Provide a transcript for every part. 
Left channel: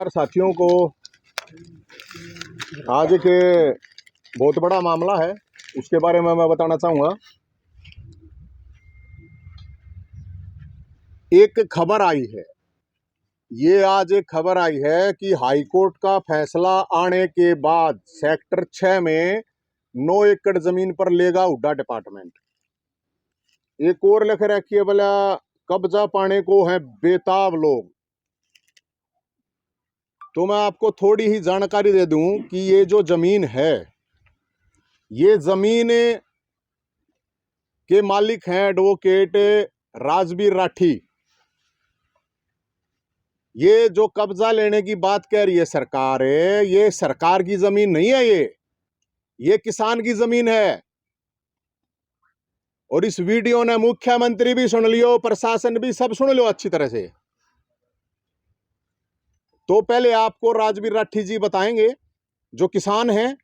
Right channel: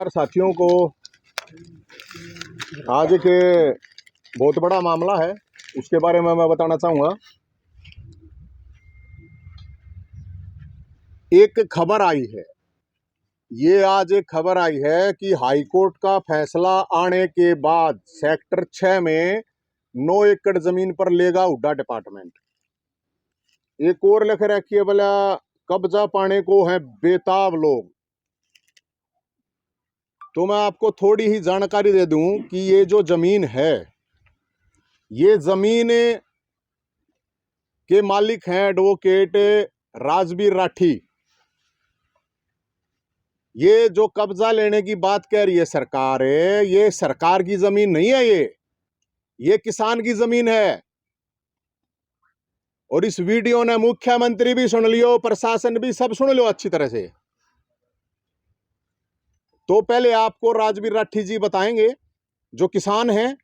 साथियों को आज के बहुत बड़ा मामला है, उसके बारे में मैं बताना चाहूँगा। एक खबर आई है, ये आज एक खबर आई है कि हाई कोर्ट का फैसला आने के बाद सेक्टर 6 में 9 एकड़ जमीन पर लेगा हुड्डा डिपार्टमेंट। एक और लिख रखी है बोला कब्जा पाने को है बेताब लोग। तो मैं आपको थोड़ी ही जानकारी दे दूं कि ये जो जमीन है, ये जमीन के मालिक हैं एडवोकेट राजबीर राठी। ये जो कब्जा लेने की बात कह रही है सरकार है, ये सरकार की जमीन नहीं है, ये किसान की जमीन है। और इस वीडियो ने मुख्यमंत्री भी सुन लियो, प्रशासन भी सब सुन लो अच्छी तरह से। तो पहले आपको राजबीर राठी जी बताएंगे, जो किसान हैं,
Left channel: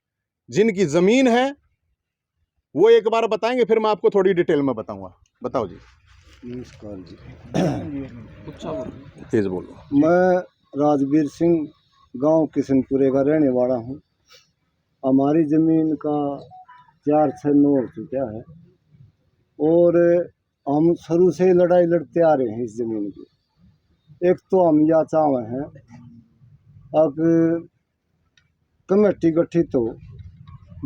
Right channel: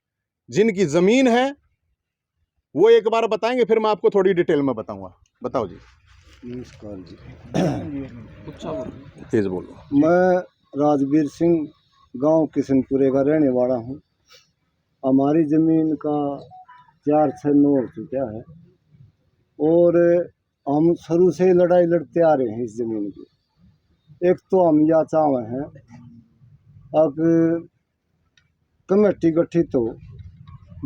जिनकी जमीन है, वो एक बार बताएंगे, फिर मैं आपको थोड़ी डिटेल में बताऊंगा। बताओ जी। नमस्कार जी। तेज बोलो। मैं राजबीर सिंह गांव किशनपुरे का रहने वाला हूं। हमारी ज़मीन का 4-6 हो चुका है और हम शुरू से ही लड़ाई लड़ते आ रहे हैं इस ज़मीन की। एक तो हम या चाहे हैं अब कमेटी गठित हो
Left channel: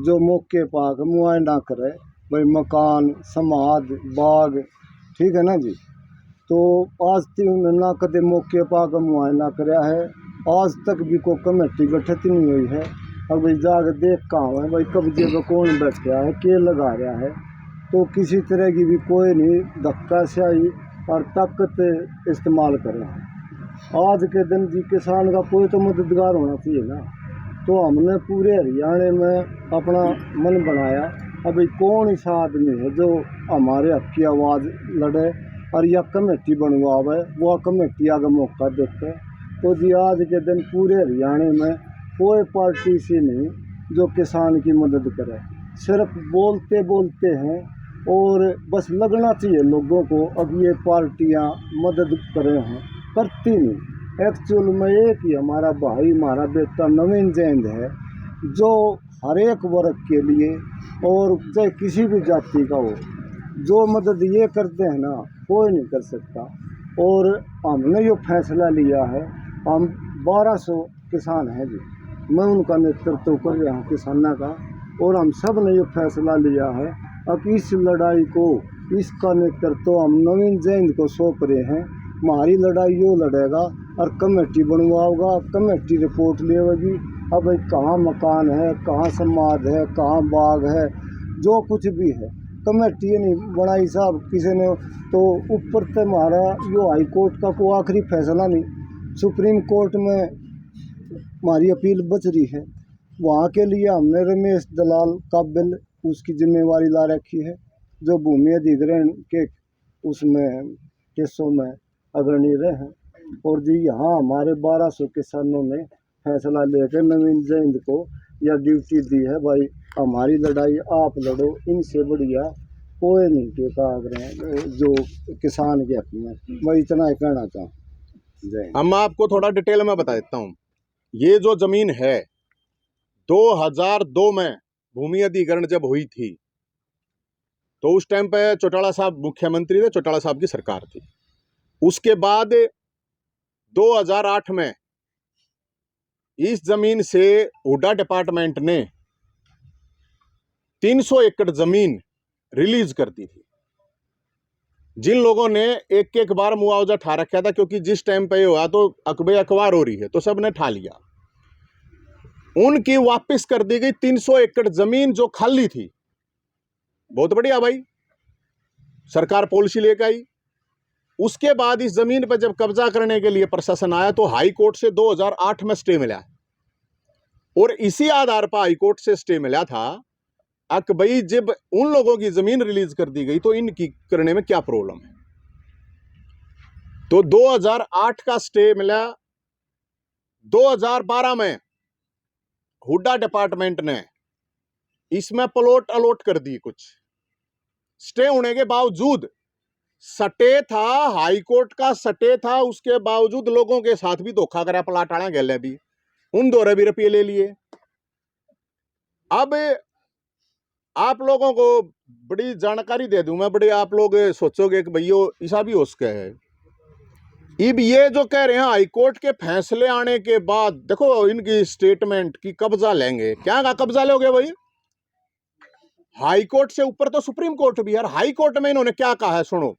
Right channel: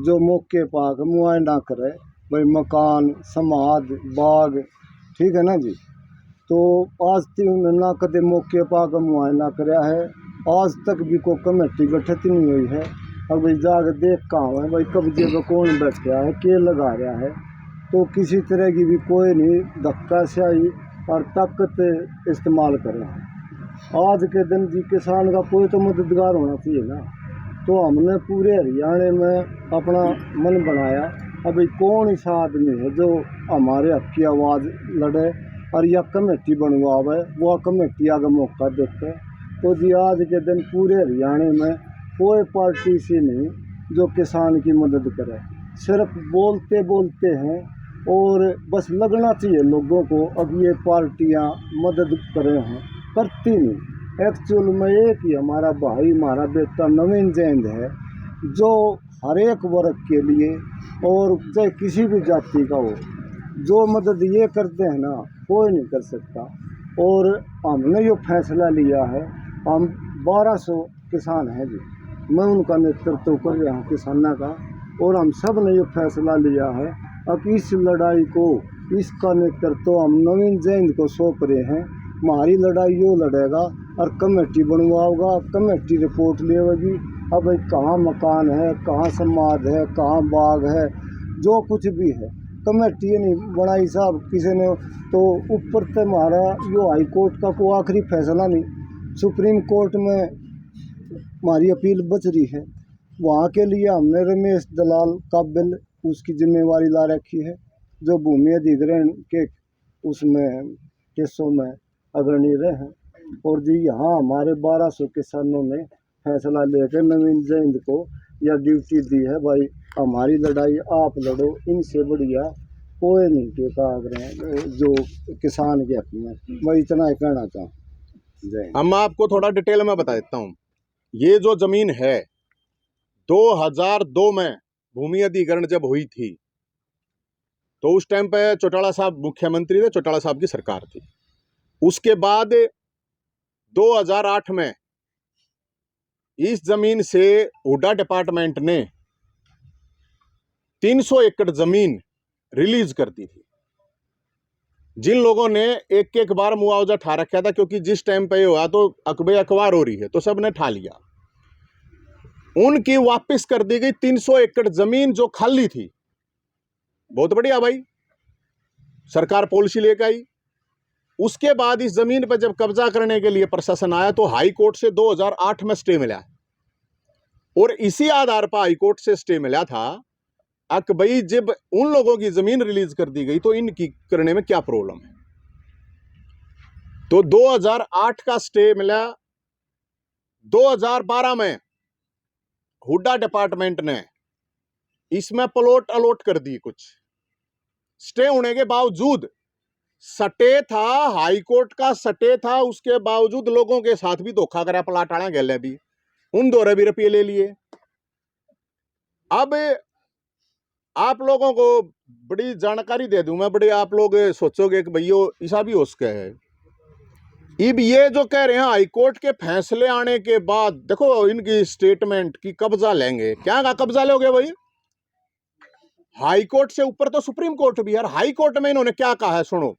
जो मौके पर मुआयना करे, भाई मकान समाध बाग, ठीक है ना जी। तो आज तक ना कदे मौके पर मुआयना कराया है, आज तक भी कोई कमेटी गठित नहीं हुई है। अब भाई जाकर देख कहाँ है भाई कब्जे पर कौन बैठा है, के लगा रहा है। तो किसी तरह की भी कोई नहीं धक्का स्याही और ताकत इस्तेमाल कर रहा है। आज के दिन जी किसान का कोई तो मददगार होना चाहिए ना। तो हमने पूरे हरियाणा में अपना मन बनाया, अभी कौन ऐसा आदमी है जो हमारे हक की आवाज़ लड़े और या कमेटी बनवावे, वो कमेटी आगे मौका देते। तो जी आज के दिन पूरे हरियाणा में कोई पार्टी से नहीं जो किसान की मदद करे, सिर्फ बोलते बोलते हैं और बस लगना चाहिए लोगों को अब ये पार्टियां मदद कर रहे हैं, करती नहीं। एक्चुअल में एक ही हमारा भाई, हमारा बेटा नवीन जैन है, जो हर एक वर्ग के लिए और चाहे किसी भी जाति का हो, जो मदद ये करते हैं ना कोई नहीं कर सकता। और हमने जो फैसला लिया है, हम 1200 किसान हैं जी, मैं उनका नेतृत्व कर रहा हूँ किसाना का, और हम सब ने ये फैसला लिया है अब इस लड़ाई को, इसका नेतृत्व हम नवीन जैन को सौंप रहे हैं। हमारी लड़ाई यो लड़ेगा और कमेटी बनवाओगा, कमेटी रिपोर्ट लेगी। अब भाई कहाँ मकान है, कहाँ समाध है, कहाँ बाग है, जो कुछ भी है कमेटी नहीं बनाई साहब किसी ने। तो ऊपर से हमारा यो हाई कोर्ट का कोई आखिरी फैसला नहीं, सुप्रीम कोर्ट में हमारी अपील बच रही है। वहाँ के लिए हमने रमेश दलाल काबिल उसकी जिम्मेवारी ला रखी है, जो भूमि अधिग्रहण के उसमें केसों में अग्रणी रहे हैं। और जी यहाँ हमारे 1200 किसानों ने फैसला लेकर नवीन जैन को यह ड्यूटी दी है, भाई हमारी लड़ाई आप लड़ो, इनसे बढ़िया कोई नहीं के कागज जो किसान के हक में। मैं इतना ही कहना चाहूँ। जय। हम आपको थोड़ा डिटेल में बता देता हूँ। ये जो जमीन है 2002 में भूमि अधिग्रहण जब हुई थी, तो उस टाइम पे चौटाला साहब मुख्यमंत्री थे, चौटाला साहब की सरकार थी। उसके बाद 2008 में इस जमीन से हुड्डा डिपार्टमेंट ने 300 एकड़ जमीन रिलीज कर दी थी। जिन लोगों ने एक एक बार मुआवजा ठा रखा था, क्योंकि जिस टाइम पे हुआ तो अकबे अखबार हो रही है, तो सबने ठा लिया। उनकी वापस कर दी गई 300 एकड़ जमीन जो खाली थी। बहुत बढ़िया भाई, सरकार पॉलिसी लेकर आई। उसके बाद इस जमीन पर जब कब्जा करने के लिए प्रशासन आया, तो हाई कोर्ट से 2008 में स्टे मिला, और इसी आधार पर हाई कोर्ट से स्टे मिला था कि भाई जब उन लोगों की जमीन रिलीज कर दी गई तो इनकी करने में क्या प्रॉब्लम है। तो 2008 का स्टे मिला। 2012 में हुड्डा डिपार्टमेंट ने इसमें प्लॉट अलॉट कर दी। कुछ स्टे होने के बावजूद सटे था, हाई कोर्ट का सटे था, उसके बावजूद लोगों के साथ भी धोखा करा, प्लाट आना गले भी उन 2 भी रुपये ले लिए। अब आप लोगों को बड़ी जानकारी दे दूं मैं, बड़ी आप लोग सोचोगे कि भैया ऐसा भी हो सके है। अब ये जो कह रहे हैं हाईकोर्ट के फैसले आने के बाद, देखो इनकी स्टेटमेंट की कब्जा लेंगे, क्या का कब्जा लोगे भाई? हाईकोर्ट से ऊपर तो सुप्रीम कोर्ट भी है। हाई कोर्ट में इन्होंने क्या कहा है सुनो।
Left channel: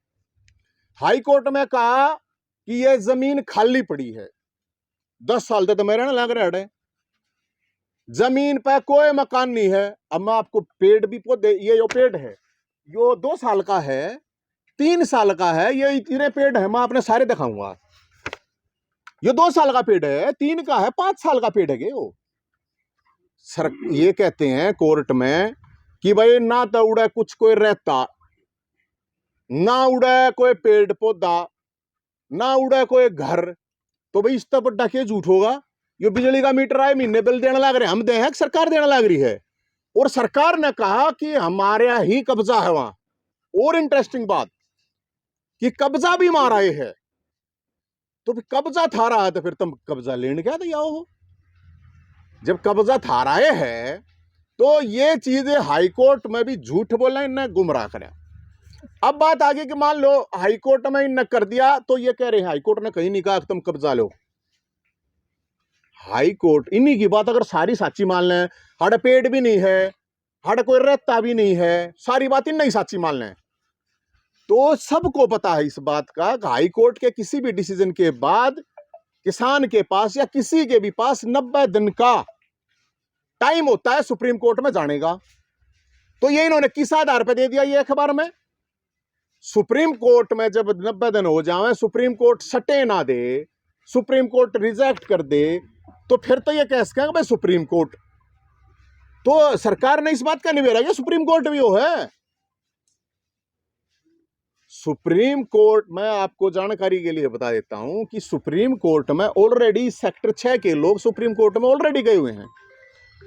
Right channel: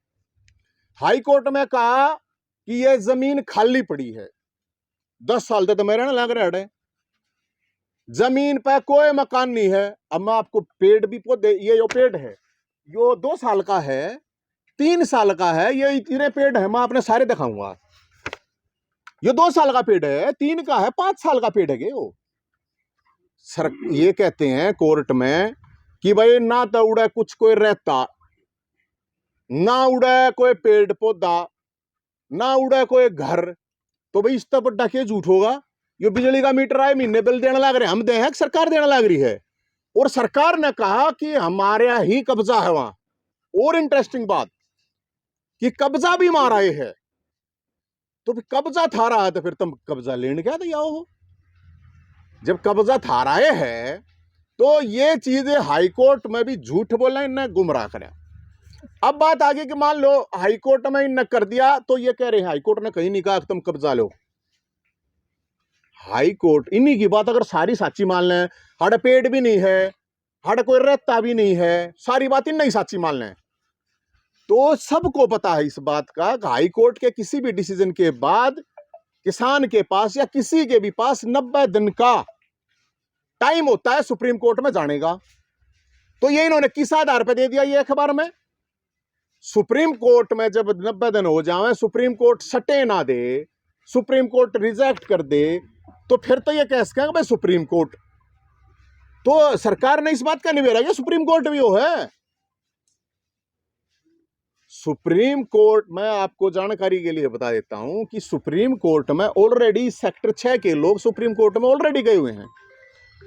हाई कोर्ट में कहा कि ये जमीन खाली पड़ी है, 10 साल तक तो मेरे ना लग रहा है, जमीन पर कोई मकान नहीं है। अब मैं आपको पेड़ भी पौधे, ये जो पेड़ है यो 2 साल का है, 3 साल का है, ये इतने पेड़ है, मैं आपने सारे दिखाऊंगा। ये 2 साल का पेड़ है, 3 का है, 5 साल का पेड़ है वो। सर ये कहते हैं कोर्ट में कि भाई ना तो उड़े कुछ कोई रहता, ना उड़े कोई पेड़ पौधा, ना उड़े कोई घर, तो भाई इतना बड़ा क्या झूठ होगा? ये बिजली का मीटर आए, महीने बिल देने लग रहे, हम दे हैं, सरकार देने लग रही है। और सरकार ने कहा कि हमारे ही कब्जा है वहां। और इंटरेस्टिंग बात कि कब्जा भी मारा है, तो कब्जा था रहा है तो फिर तुम कब्जा लेने क्या दिया हो? जब कब्जा था रहा है तो ये चीजें हाईकोर्ट में भी झूठ बोला, इन्हें गुमराह करा। अब बात आगे कि मान लो हाईकोर्ट में इन्हें कर दिया, तो ये कह रहे हैं हाईकोर्ट ने कहीं नहीं कहा कि तुम कब्जा लो। हाईकोर्ट इन्हीं की बात अगर सारी साची मान लें, हड़ पेड़ भी नहीं है, हड़ कोई रहता भी नहीं है, सारी बात इन नहीं साची मान लें, तो सबको पता है इस बात का कि हाईकोर्ट के किसी भी डिसीजन के बाद किसान के पास या किसी के भी पास 90 दिन का टाइम होता है सुप्रीम कोर्ट में जाने का। तो ये इन्होंने किस आधार पर दे दिया ये अखबार में? सुप्रीम कोर्ट में जब 90 दिन हो जाए, सुप्रीम कोर्ट सटे ना दे, सुप्रीम कोर्ट रिजेक्ट कर दे, तो फिर तो ये कह सकेंगे भाई सुप्रीम कोर्ट, तो सरकार ने इस बात का निबेरा किया सुप्रीम कोर्ट भी वो है। सुप्रीम कोर्ट, मैं आपको जानकारी के लिए बता देता हूं कि सुप्रीम कोर्ट में ऑलरेडी सेक्टर 6 के लोग सुप्रीम कोर्ट में ऑलरेडी गए हुए हैं,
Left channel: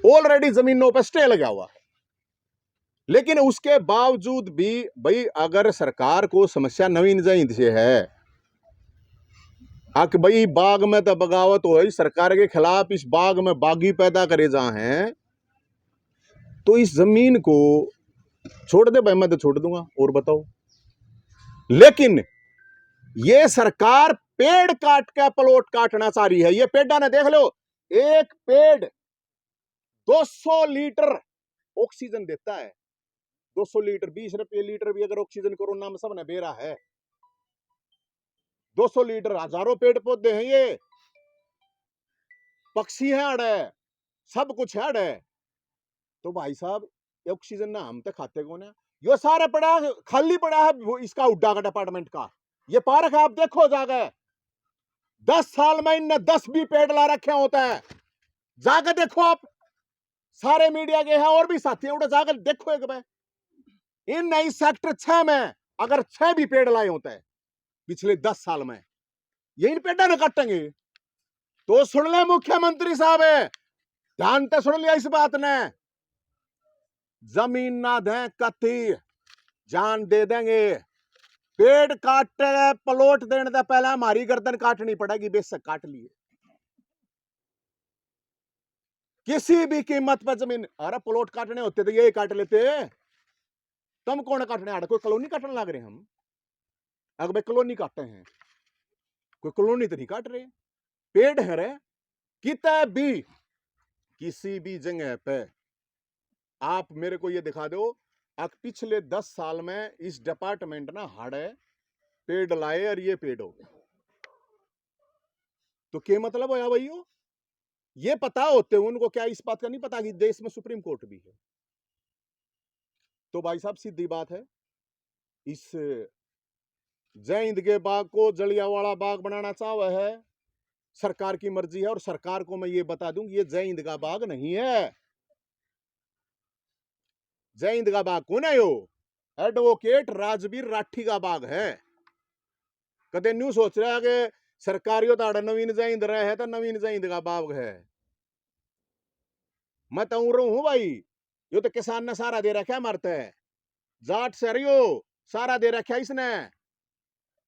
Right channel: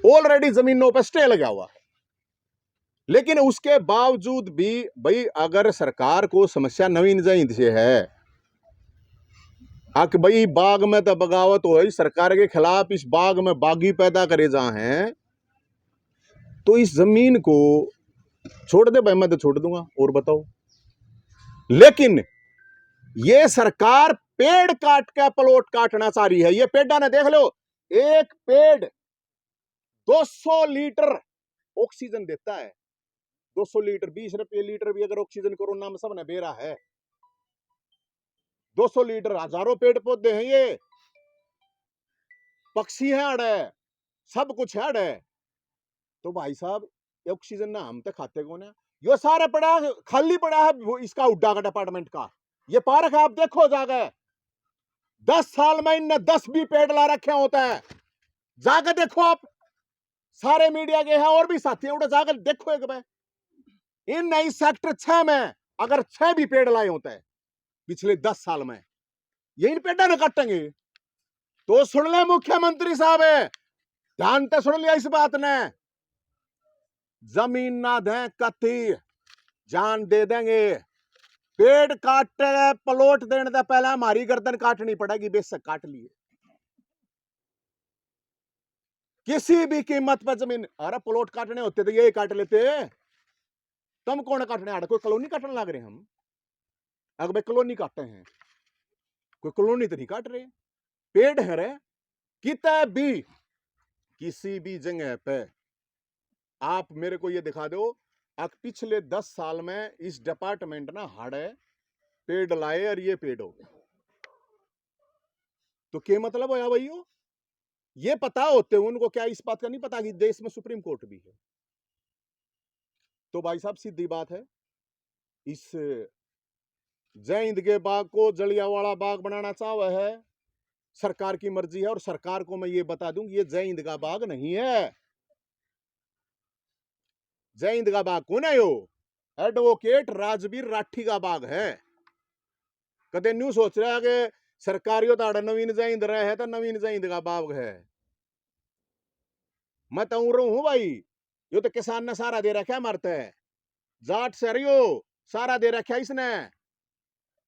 ऑलरेडी जमीनों पर स्टे लगा हुआ है। लेकिन उसके बावजूद भी भाई अगर सरकार को समस्या नवीन जहींद से है, कि भाई बाग में तो बगावत हो, सरकार के खिलाफ इस बाग में बागी पैदा करे जा हैं, तो इस जमीन को छोड़ दे भाई, मैं तो छोड़ दूंगा, और बताओ। लेकिन ये सरकार पेड़ काट के प्लॉट काटना चाह रही है। ये पेड़ा ने देख लो, एक पेड़ 200 लीटर ऑक्सीजन देता है, 200 लीटर, 20 रुपये लीटर भी अगर ऑक्सीजन कोरोना में सबने बेरा है, 200 लीटर, हजारों पेड़ पौधे हैं, ये पक्षी हैं अड़े, सब कुछ है अड़े। तो भाई साहब ऑक्सीजन ना हम तो खाते कौन है? यो सारा पड़ा खाली पड़ा है इसका हुड्डा का डिपार्टमेंट का। ये पार्क आप देखो जाके, 10 साल में इनने 10 भी पेड़ ला रखे होते हैं, जाकर देखो आप, सारे मीडिया के हैं और भी साथी हैं, जाकर देखो एक बार। इन नई सेक्टर 6 में अगर 6 भी पेड़ लाए होते हैं पिछले 10 साल में, ये इन पेड़ा ने काटेंगे। तो सुन ले मुख्यमंत्री साहब, ध्यान से सुन लिया इस बात ने, जमीन ना दें कति जान दे देंगे। पेड़ काटे प्लॉट देने से पहले हमारी गर्दन काटनी पड़ेगी, बेशक काट लिए किसी भी कीमत पर जमीन। अरे प्लॉट काटने होते तो यही काट लेते, तुम कौन काटने आ रहे? कोई कॉलोनी काटने लग रहे हम? अगर भाई कॉलोनी काटते हैं, कोई कॉलोनी तो नहीं काट रहे, पेड़ है रे। कितना भी किसी भी जगह पे आप मेरे को ये दिखा दो पिछले 10 साल में इस डिपार्टमेंट ना हाड़े पेड़ लाए और ये पेड़ हो गए, तो क्या मतलब होया भाई? ये पता होते उनको क्या इस बात का नहीं पता कि देश में सुप्रीम कोर्ट भी है? तो भाई साहब सीधी बात है, इस जय हिंद के बाग को जलियांवाला बाग बनाना चाहा है, सरकार की मर्जी है। और सरकार को मैं ये बता दूं कि ये जय हिंद का बाग नहीं है। जय हिंद का बाग कौन है? यो एडवोकेट राजवीर राठी का बाग है। कदे न्यू सोच रहा है कि सरकारियों ताड़ नवीन जय हिंद रहे है तो नवीन जय हिंद का बाग है। मैं तो हूं भाई, यो तो किसान ने सारा दे रखा है, मरते है जाट से रियो सारा दे रखा है इसने।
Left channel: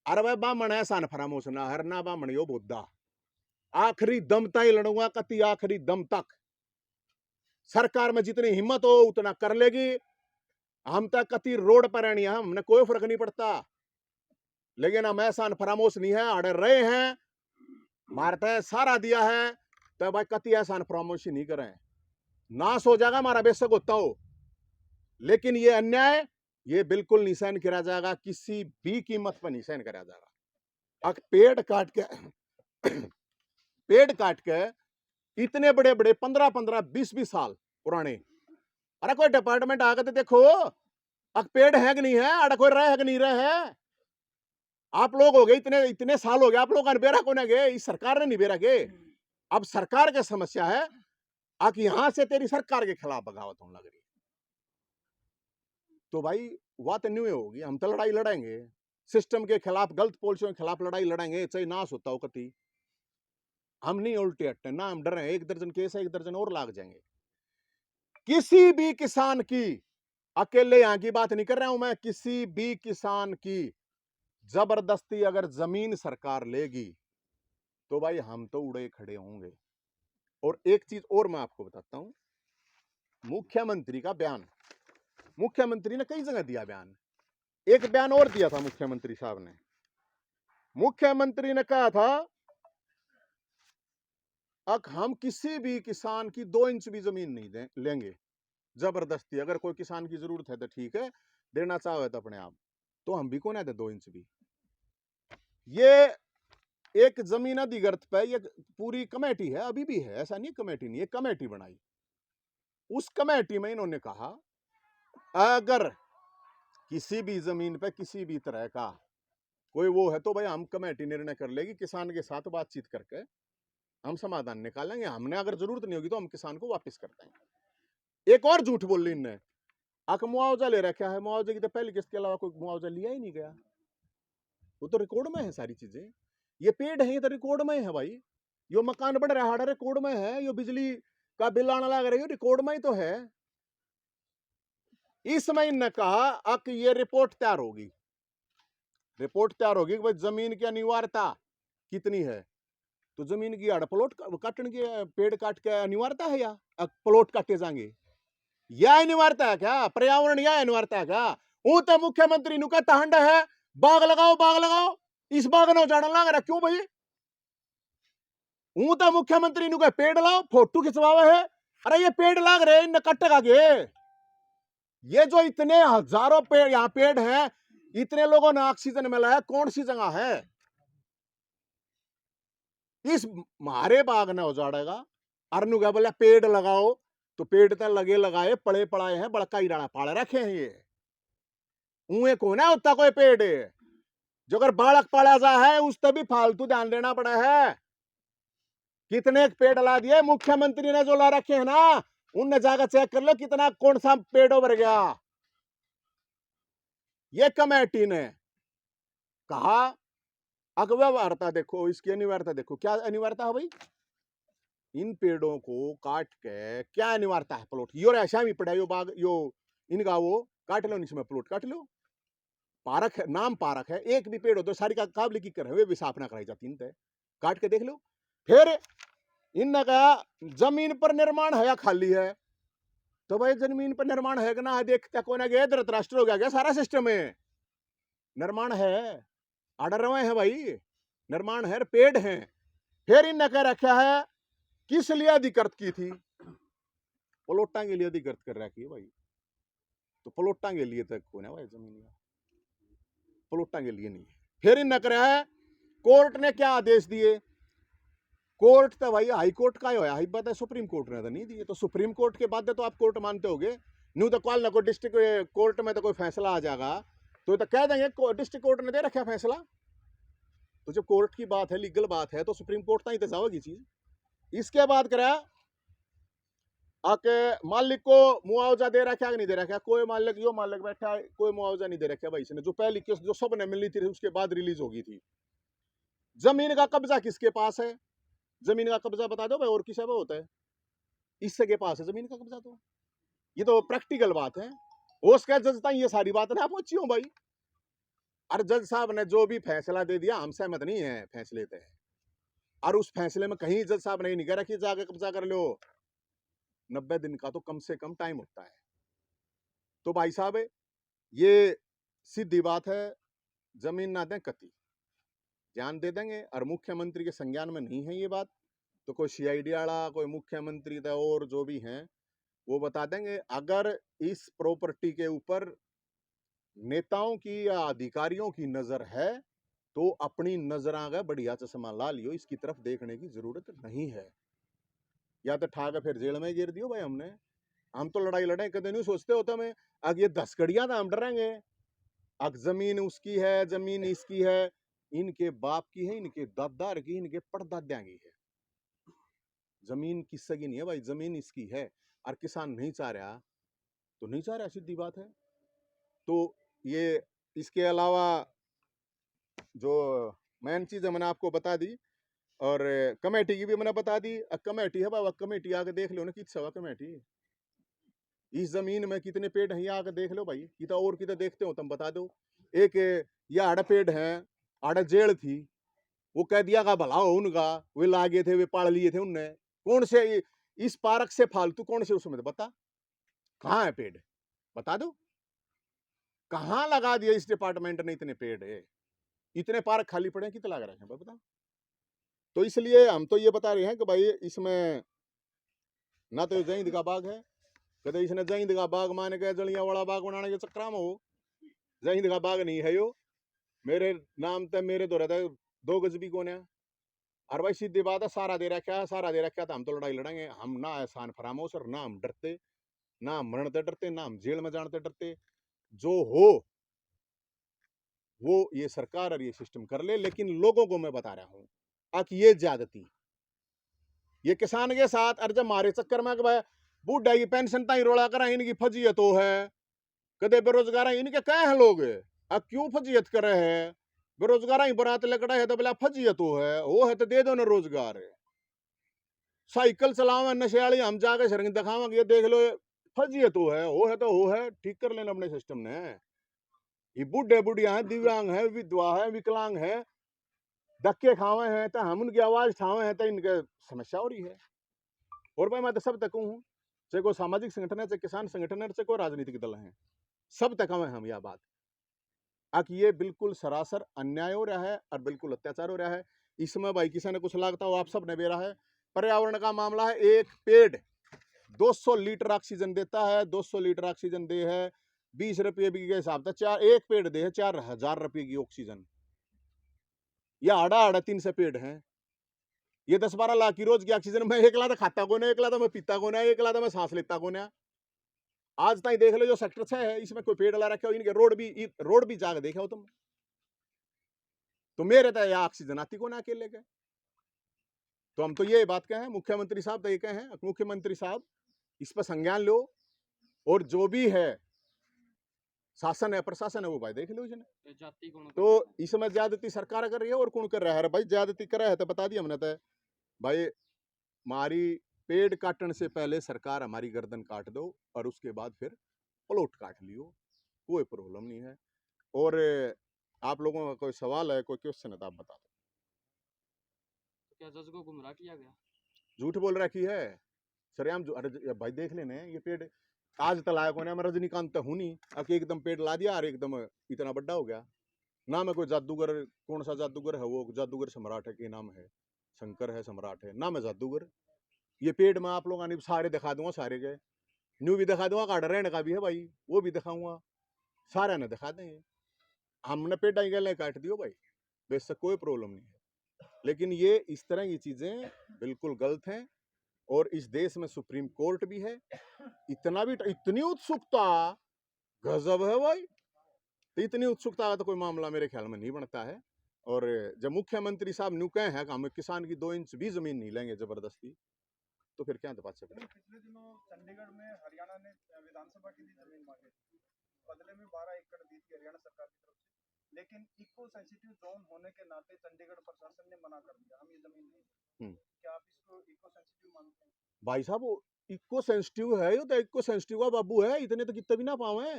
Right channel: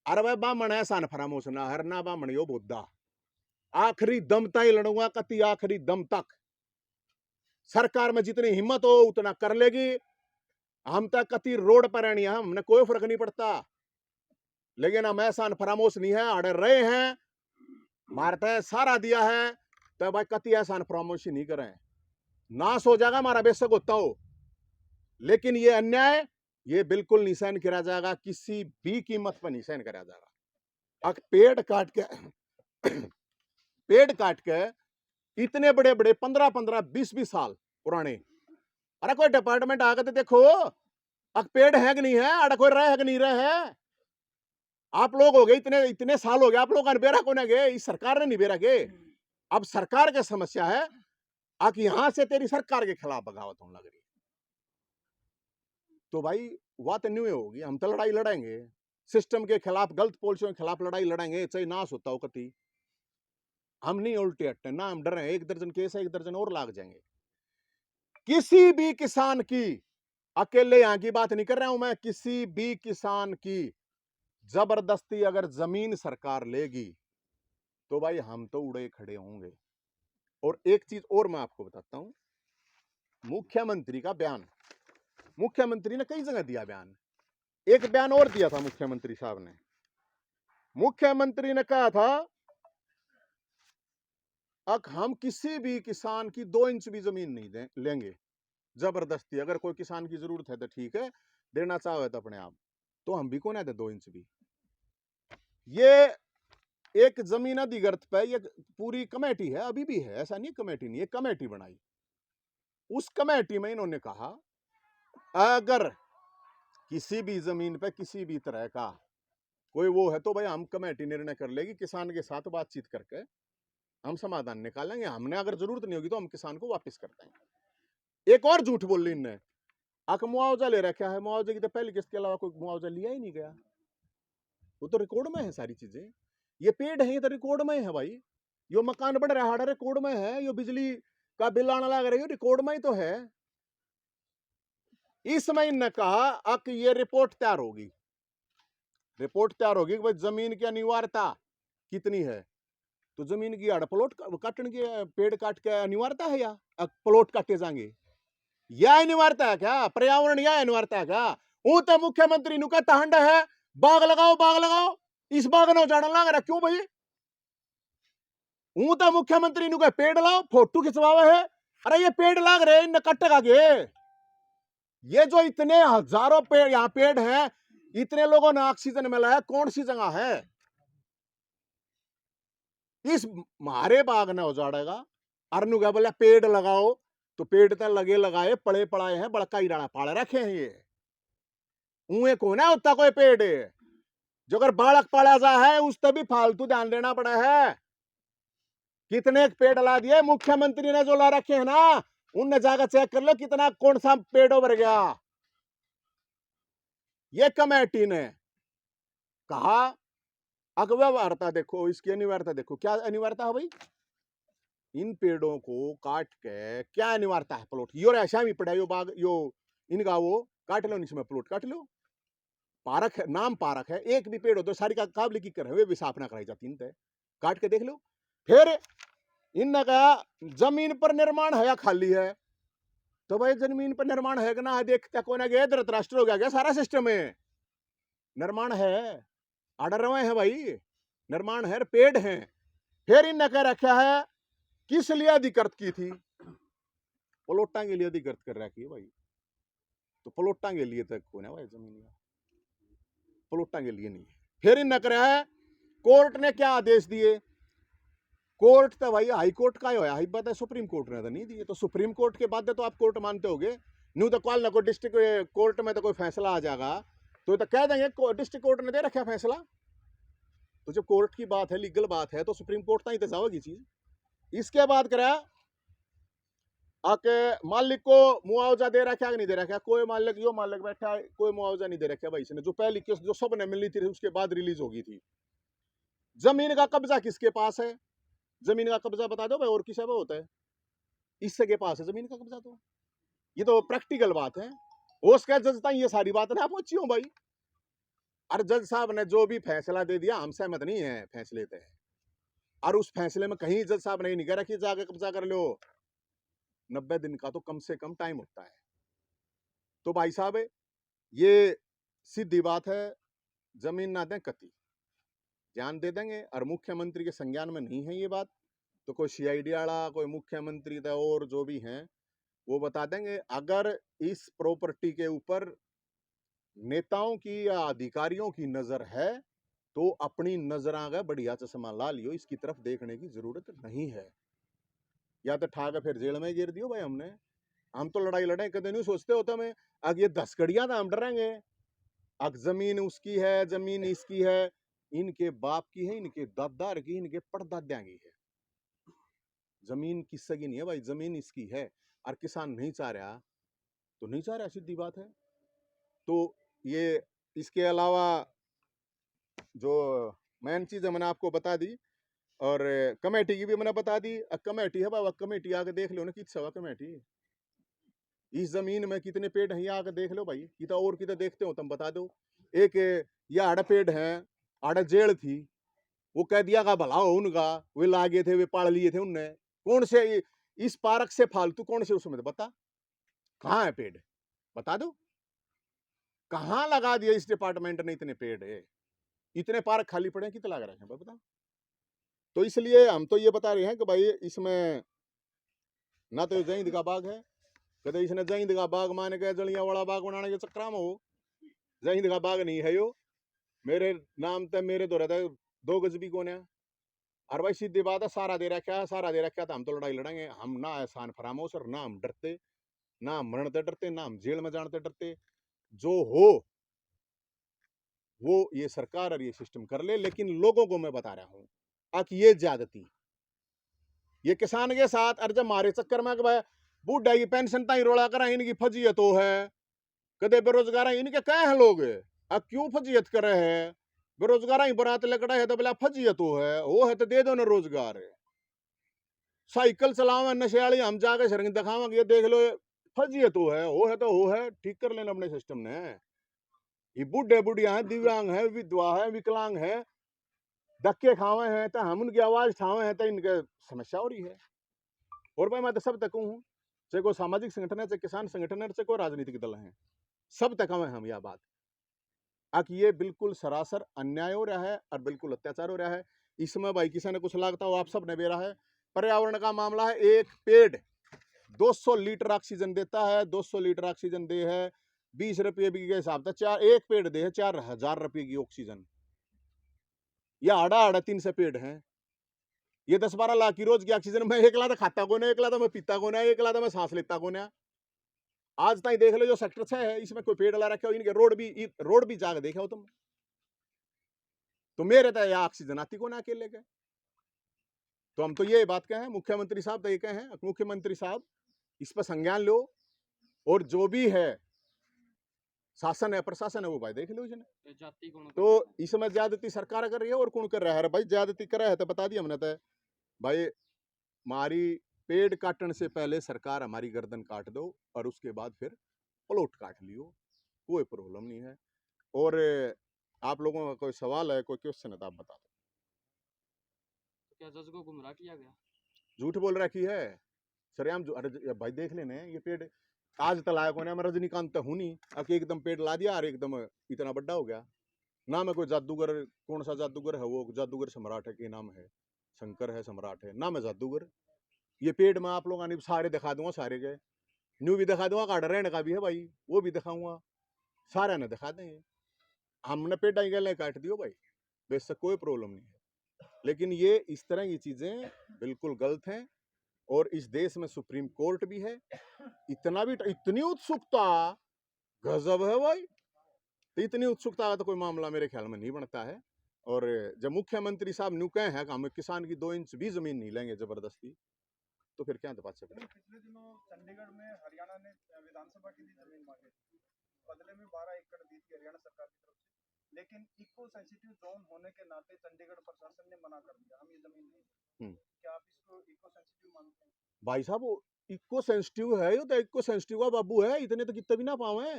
अरे भाई बामण ऐसा न फरामोश ना हर ना बामण यो बुद्धा आखिरी दम तक लड़ूंगा कति आखिरी दम तक सरकार में जितनी हिम्मत हो उतना कर लेगी हम तक कति रोड पर रहनी है हमने कोई फर्क नहीं पड़ता लेकिन हम ऐसा फरामोश नहीं है अड़े रहे हैं मारते सारा दिया है तो भाई कति ऐसा फरामोशी नहीं करें नाश हो जाएगा हमारा बेशक होता हो लेकिन ये अन्याय ये बिल्कुल नहीं सहन करा जाएगा किसी भी कीमत पर नहीं सहन करा जाएगा अब पेड़ काट के इतने बड़े बड़े 15-15 20-20 साल पुराने अरे कोई डिपार्टमेंट आकर तो देखो अब पेड़ है कि नहीं है अरे कोई रहे है कि नहीं रहे है आप लोग हो गए इतने इतने साल हो गए आप लोग बेरा को ना गए इस सरकार ने नहीं बेरा गए अब सरकार की समस्या है कि यहां से तेरी सरकार के खिलाफ बगावत होने लग रही तो भाई बात न्यू होगी हम तो लड़ाई लड़ेंगे सिस्टम के खिलाफ गलत पॉलिसियों के खिलाफ लड़ाई लड़ेंगे चाहे नाश होता हो कति हम नहीं उल्टे हटते ना हम डरे एक दर्जन केस है एक दर्जन और लाग जाएंगे किसी भी किसान की अकेले यहां की बात नहीं कर रहा हूं मैं किसी भी किसान की जबरदस्ती अगर जमीन सरकार लेगी तो भाई हम तो उड़े खड़े होंगे और एक चीज और मैं आपको बताता हूं मुख्यमंत्री का बयान मुख्यमंत्री ने कई जगह दिया बयान एक बयान और दिया था मुख्यमंत्री साहब ने मुख्यमंत्री ने कहा था हम किसी भी किसान की 2 इंच भी जमीन नहीं लेंगे जबरदस्ती अगर कोई किसान की जरूरत है तो ठीक है देना चाहे तो अपने आप तो हम भी कौन है 2 इंच भी ये एक जमीन अधिग्रत पे ये पूरी कमेटी है अभी भी है ऐसा नहीं कमेटी नहीं है कमेटी बनाई उस कमेटी में इन्होंने कहा अगर किसी भी जमीन पे किसी भी तरह का कोई वो है तो भाई हम कमेटी निर्णय कर लेगी किसान के साथ बातचीत करके हम समाधान निकालेंगे हमने अगर जरूरत नहीं होगी तो हम किसान को वापस कर देंगे एक और झूठ बोल ली इनने मुआवजा ले रखा है मुआवजे की तो पहली किस्त के अलावा कोई मुआवजा लिया ही नहीं गया वो तो रिकॉर्ड में है सारी चीजें ये पेड़ है ये तो रिकॉर्ड में है भाई यो मकान बन रहा है रिकॉर्ड में है यो बिजली का बिल आने लग रही है रिकॉर्ड में ही तो है इसमें इनने कहा कि ये रिपोर्ट तैयार होगी कि भाई जमीन की अनिवार्यता कितनी है तो जमीन की प्लॉट काटने के पेड़ काट के अनिवार्यता है या प्लॉट काटे जाएंगे यह अनिवार्यता है क्या पर्यावरण यह अनिवार्यता है क्या वो तो मुख्यमंत्री नु कहता हंडा है बाग लगाओ इस बाग ने उजाड़न लग रहा क्यों भाई वो तो मुख्यमंत्री नु कह पेड़ लाओ फोटो खिंचवावे है अरे ये पेड़ लाग रहे इन कटेगा गे ये जो इतने हजारों पेड़ यहां पेड़ हैं इतने लोगों ने ऑक्सीजन मिला है कौन सी जगह है इस मारे बाग ने उजाड़ेगा अरनु क्या बोला पेड़ लगाओ तो पेड़ तो लगे लगाए पड़े पड़ाए हैं बड़का ही डाला पाड़ रखे हैं ये उए को ना उतना कोई पेड़ जो अगर बालक पाला जा है उस तभी फालतू ध्यान देना पड़ा है कितने पेड़ ला दिए मुख्यमंत्री ने जो ला रखे हैं ना उनने जाकर चेक कर लो कितना कौन सा पेड़ उभर गया ये कमेटी ने कहा अव्यवहारता देखो इसकी अनिवार्यता देखो क्या अनिवार्यता है भाई इन पेड़ों को काट के क्या अनिवार्यता है प्लॉट यो ऐसा भी पड़ा यो बाग यो इनका वो काट लो इसमें प्लॉट काट लो पार्क है नाम पार्क है एक भी पेड़ हो तो सारी का काबले की कर वे भी स्थापना कराई जाती है काट के देख लो फिर इन का जमीन पर निर्माण है या खाली है तो भाई जमीन पर निर्माण है कि ना देखते को ना गया धृतराष्ट्र हो गया सारा सिस्टम है निर्माण है आर्डर रवे है भाई निर्माण है पेड़ हैं फिर इन कह रखा है किस लिए अधिकृत की थी प्लॉटा के लिए अधिकृत कर रखी है भाई तो प्लॉटा के लिए तक कौन है भाई जमीन प्लॉटा के लिए नहीं फिर इन कर रहा है कोर्ट ने क्या आदेश दिए कोर्ट तो भाई हाई कोर्ट का ही होया हाई बात है सुप्रीम कोर्ट ने तो नहीं दिए तो सुप्रीम कोर्ट के बाद तो आप कोर्ट मानते होगे न्यू तो कॉल ना कोई डिस्ट्रिक्ट कोर्ट में तो कोई फैसला आ जाएगा तो कह देंगे डिस्ट्रिक्ट कोर्ट ने दे रखा फैसला तो जब कोर्ट की बात है लीगल बात है तो सुप्रीम कोर्ट तक तो जाओगी चीज इसके बाद करा आके मालिक को मुआवजा दे रखा कि नहीं दे रखा कोई मालिक यो मालिक बैठा है कोई मुआवजा नहीं दे रखा भाई इसने जो पहली केस जो सबने मिली थी उसके बाद रिलीज होगी थी जमीन का कब्जा किसके पास है जमीन का कब्जा बता दो भाई और किसी पे होता है इससे के पास है जमीन का कब्जा तो ये तो प्रैक्टिकल बात है उसका जजता ये सारी बात ना पहुंची हो भाई और जज साहब ने जो भी फैसला दे दिया हम सहमत नहीं है फैसले पे, और उस फैसले में कहीं जज साहब ने नहीं कह रहा कि जाके कब्जा कर लो। 90 दिन का तो कम से कम टाइम होता है। तो भाई साहब ये सीधी बात है, जमीन ना दें कति, ध्यान दे देंगे। और मुख्यमंत्री के संज्ञान में नहीं है ये बात, तो कोई सीआईडी वाला, कोई मुख्यमंत्री था और जो भी हैं वो बता देंगे। अगर इस प्रॉपर्टी के ऊपर नेताओं की या अधिकारियों की नजर है तो अपनी नजर आगे बढ़िया चश्मा ला लियो, इसकी तरफ देखने की जरूरत नहीं है। या तो ठाकर फिर जेल में गिर दियो भाई। हम तो लड़ाई लड़े कदे नहीं सोचते होता मैं, अब ये 10 कड़ियां तो हम डरेंगे। अब जमीन उसकी है, जमीन इसकी है, इनके बाप की है, इनके दादार की, इनके परदाद्या की है। जमीन किससे की नहीं है भाई, जमीन इसकी है। और किसान नहीं चाह रहा तो नहीं चाह रहा, सीधी बात है। तो ये इसके अलावा जो मेन चीज मैंने आपको बता दी, और कमेटी की भी मैंने बता दी। कमेटी है बाबा, कमेटी आके देख लो ना किस कमेटी, इस जमीन में कितने पेड़ हैं, आके देख लो भाई। कितना और कितना देखते हो तुम बता दो। एक ये आड़ा पेड़ है, आड़ा जेल थी, वो कह दिया का भला हो उनका, वे लागे थे, वे पाड़ लिए थे उनने। कौन से इस पार्क से फालतू कौन से उसमें बता, कहाँ है पेड़ बता दो। कहाँ लगा दिया इस डिपार्टमेंट ने इतने पेड़ है, इतने पार्क खाली पड़े कितने लगा रहे हैं बता। तो इसलिए हम तो ये बता रहे हैं कि भाई इसमें ना तो जईद का बाग है, कदे इसने जईद का बाग मान के जलियांवाला बाग बनाने के चक्कर में हो। जईद का बाग नहीं है यो, मेरे नाम ते मेरे तो रहता 2 गज भी कोने। और भाई सीधी बात है, सारा दे रखा है, सारा दे रखा है तो हम तो लड़ाई लड़ेंगे। हम ना एहसान फरामोश, और ना हम डरते, ना हम मरते डरते, ना हम जेल में जानते डरते। जो हो वो ये सरकार और ये सिस्टम कर ले, लेकिन लोगों को मैं बता रहा हूं कि ये ज्यादती ये किसान के साथ, और जब मारे चक्कर में भाई बूढ़ा की पेंशन ताई रोला करा, इनकी फजीयत हो है, कदे बेरोजगार इनके कहे हैं लोग, अब क्यों फजीयत करे है। बेरोजगार ही बरात लकड़ा है तो बोला फजीयत हो है, वो है तो दे दो ना रोजगार। साइकिल चलावे नशे वाली हम जाके शरण दिखावे, ये देख लो फजीयत हो है तो हो है, ठीक कर लेना अपने सिस्टम ने। ये बूढ़े बुढ़िया हैं, दिव्यांग है, विधवा है, विकलांग है, धक्के खावे हैं तो हम उनकी आवाज ठावे हैं तो इनके समस्या हो रही है। और भाई मैं तो सब तक हूँ, चाहे कोई सामाजिक संगठन है, चाहे किसान संगठन है, चाहे कोई राजनीतिक दल है, सब तक हम यह बात कि ये बिल्कुल सरासर अन्याय हो रहा है और बिल्कुल अत्याचार हो रहा है। इसमें भाई किसी ने कुछ लागता हो आप सब ने बेरा है। पर्यावरण का मामला है, एक पेड़ 200 लीटर ऑक्सीजन देता है, 200 लीटर ऑक्सीजन दे है 20 रुपये के हिसाब से, एक पेड़ दे है 4000 रुपये की ऑक्सीजन। यह आड़ा 300 पेड़ हैं, ये 10-12 लाख की रोज की ऑक्सीजन। मैं एक लाता खाता को ना, एक लाता मैं पीता को ना, एक लाता मैं सांस लेता को ना। आज तक देख लो जो सेक्टर 6 है इसमें कोई पेड़ ला रखे हो, इनके रोड भी जाकर देखे हो तुम, तो मेरे तो यह ऑक्सीजन आती को ना अकेले के। तो हम तो ये बात कहें, मुख्यमंत्री साहब तो ये कहें, मुख्यमंत्री साहब इस पर संज्ञान लो, और जो भी है शासन है, प्रशासन है, वो भाई देख लो इसने। तो इसमें ज्यादती सरकार कर रही है और कौन कर रहा है भाई, ज्यादती कर रहा है तो बता दिया हमने तो भाई, हमारी पेड़ काटने से पहले सरकार हमारी गर्दन काट दो और उसके बाद फिर प्लॉट काट लियो, कोई प्रॉब्लम नहीं है। और आप लोगों का कोई सवाल है, कोई क्वेश्चन है तो आप बता दो। क्या जज को गुमराह किया गया? झूठ बोल रखी है सरेआम। अरे भाई देख लेने ये पेड़ आज तक लायक होने, मैं रजनीकांत तो हूं नहीं आके एकदम पेड़ ला दिया और एकदम इतना बड़ा हो गया। ना मैं कोई जादूगर, कौन सा जादूगर है, वो जादूगर सम्राट है के नाम है, शंकर है, सम्राट है ना, मैं जादूगर। ये पेड़ में आप लोगों ने सारे दिखा दूंगा, सारे के न्यू भी दिखा दूंगा, काट रहने का भी है भाई वो भी दिखाऊंगा, सारे ने दिखा देंगे। हमने पेड़ डाई गए काट दियो भाई, बेशक कोई प्रॉब्लम नहीं है। लेकिन ये इस तरह की चीजें बिल्कुल गलत हैं, और इस देश में सुप्रीम कोर्ट भी है। इतना भी इतनी उत्सुकता गजब है भाई, तो इतनी उत्सुकता का तो कोई मामला मेरे ख्याल में नहीं बनता है। और जब मुख्यमंत्री साहब न्यू कहे हैं कि हम किसान की 2 इंच भी जमीन नहीं लेंगे जबरदस्ती, तो फिर क्या बात से। पिछले दिनों चंडीगढ़ में हरियाणा ने विधानसभा के लिए जमीन मांगी थी, बदले में 12 एकड़ दी थी हरियाणा सरकार की तरफ से, लेकिन इको सेंसिटिव जोन होने के नाते चंडीगढ़ प्रशासन ने मना कर दिया, हम ये जमीन नहीं। क्या आप इसको इको सेंसिटिव मानते हैं? भाई साहब वो इको सेंसिटिव है, ये तो इको सेंसिटिव का बाबू है, इतने तो कितने भी ना पावे।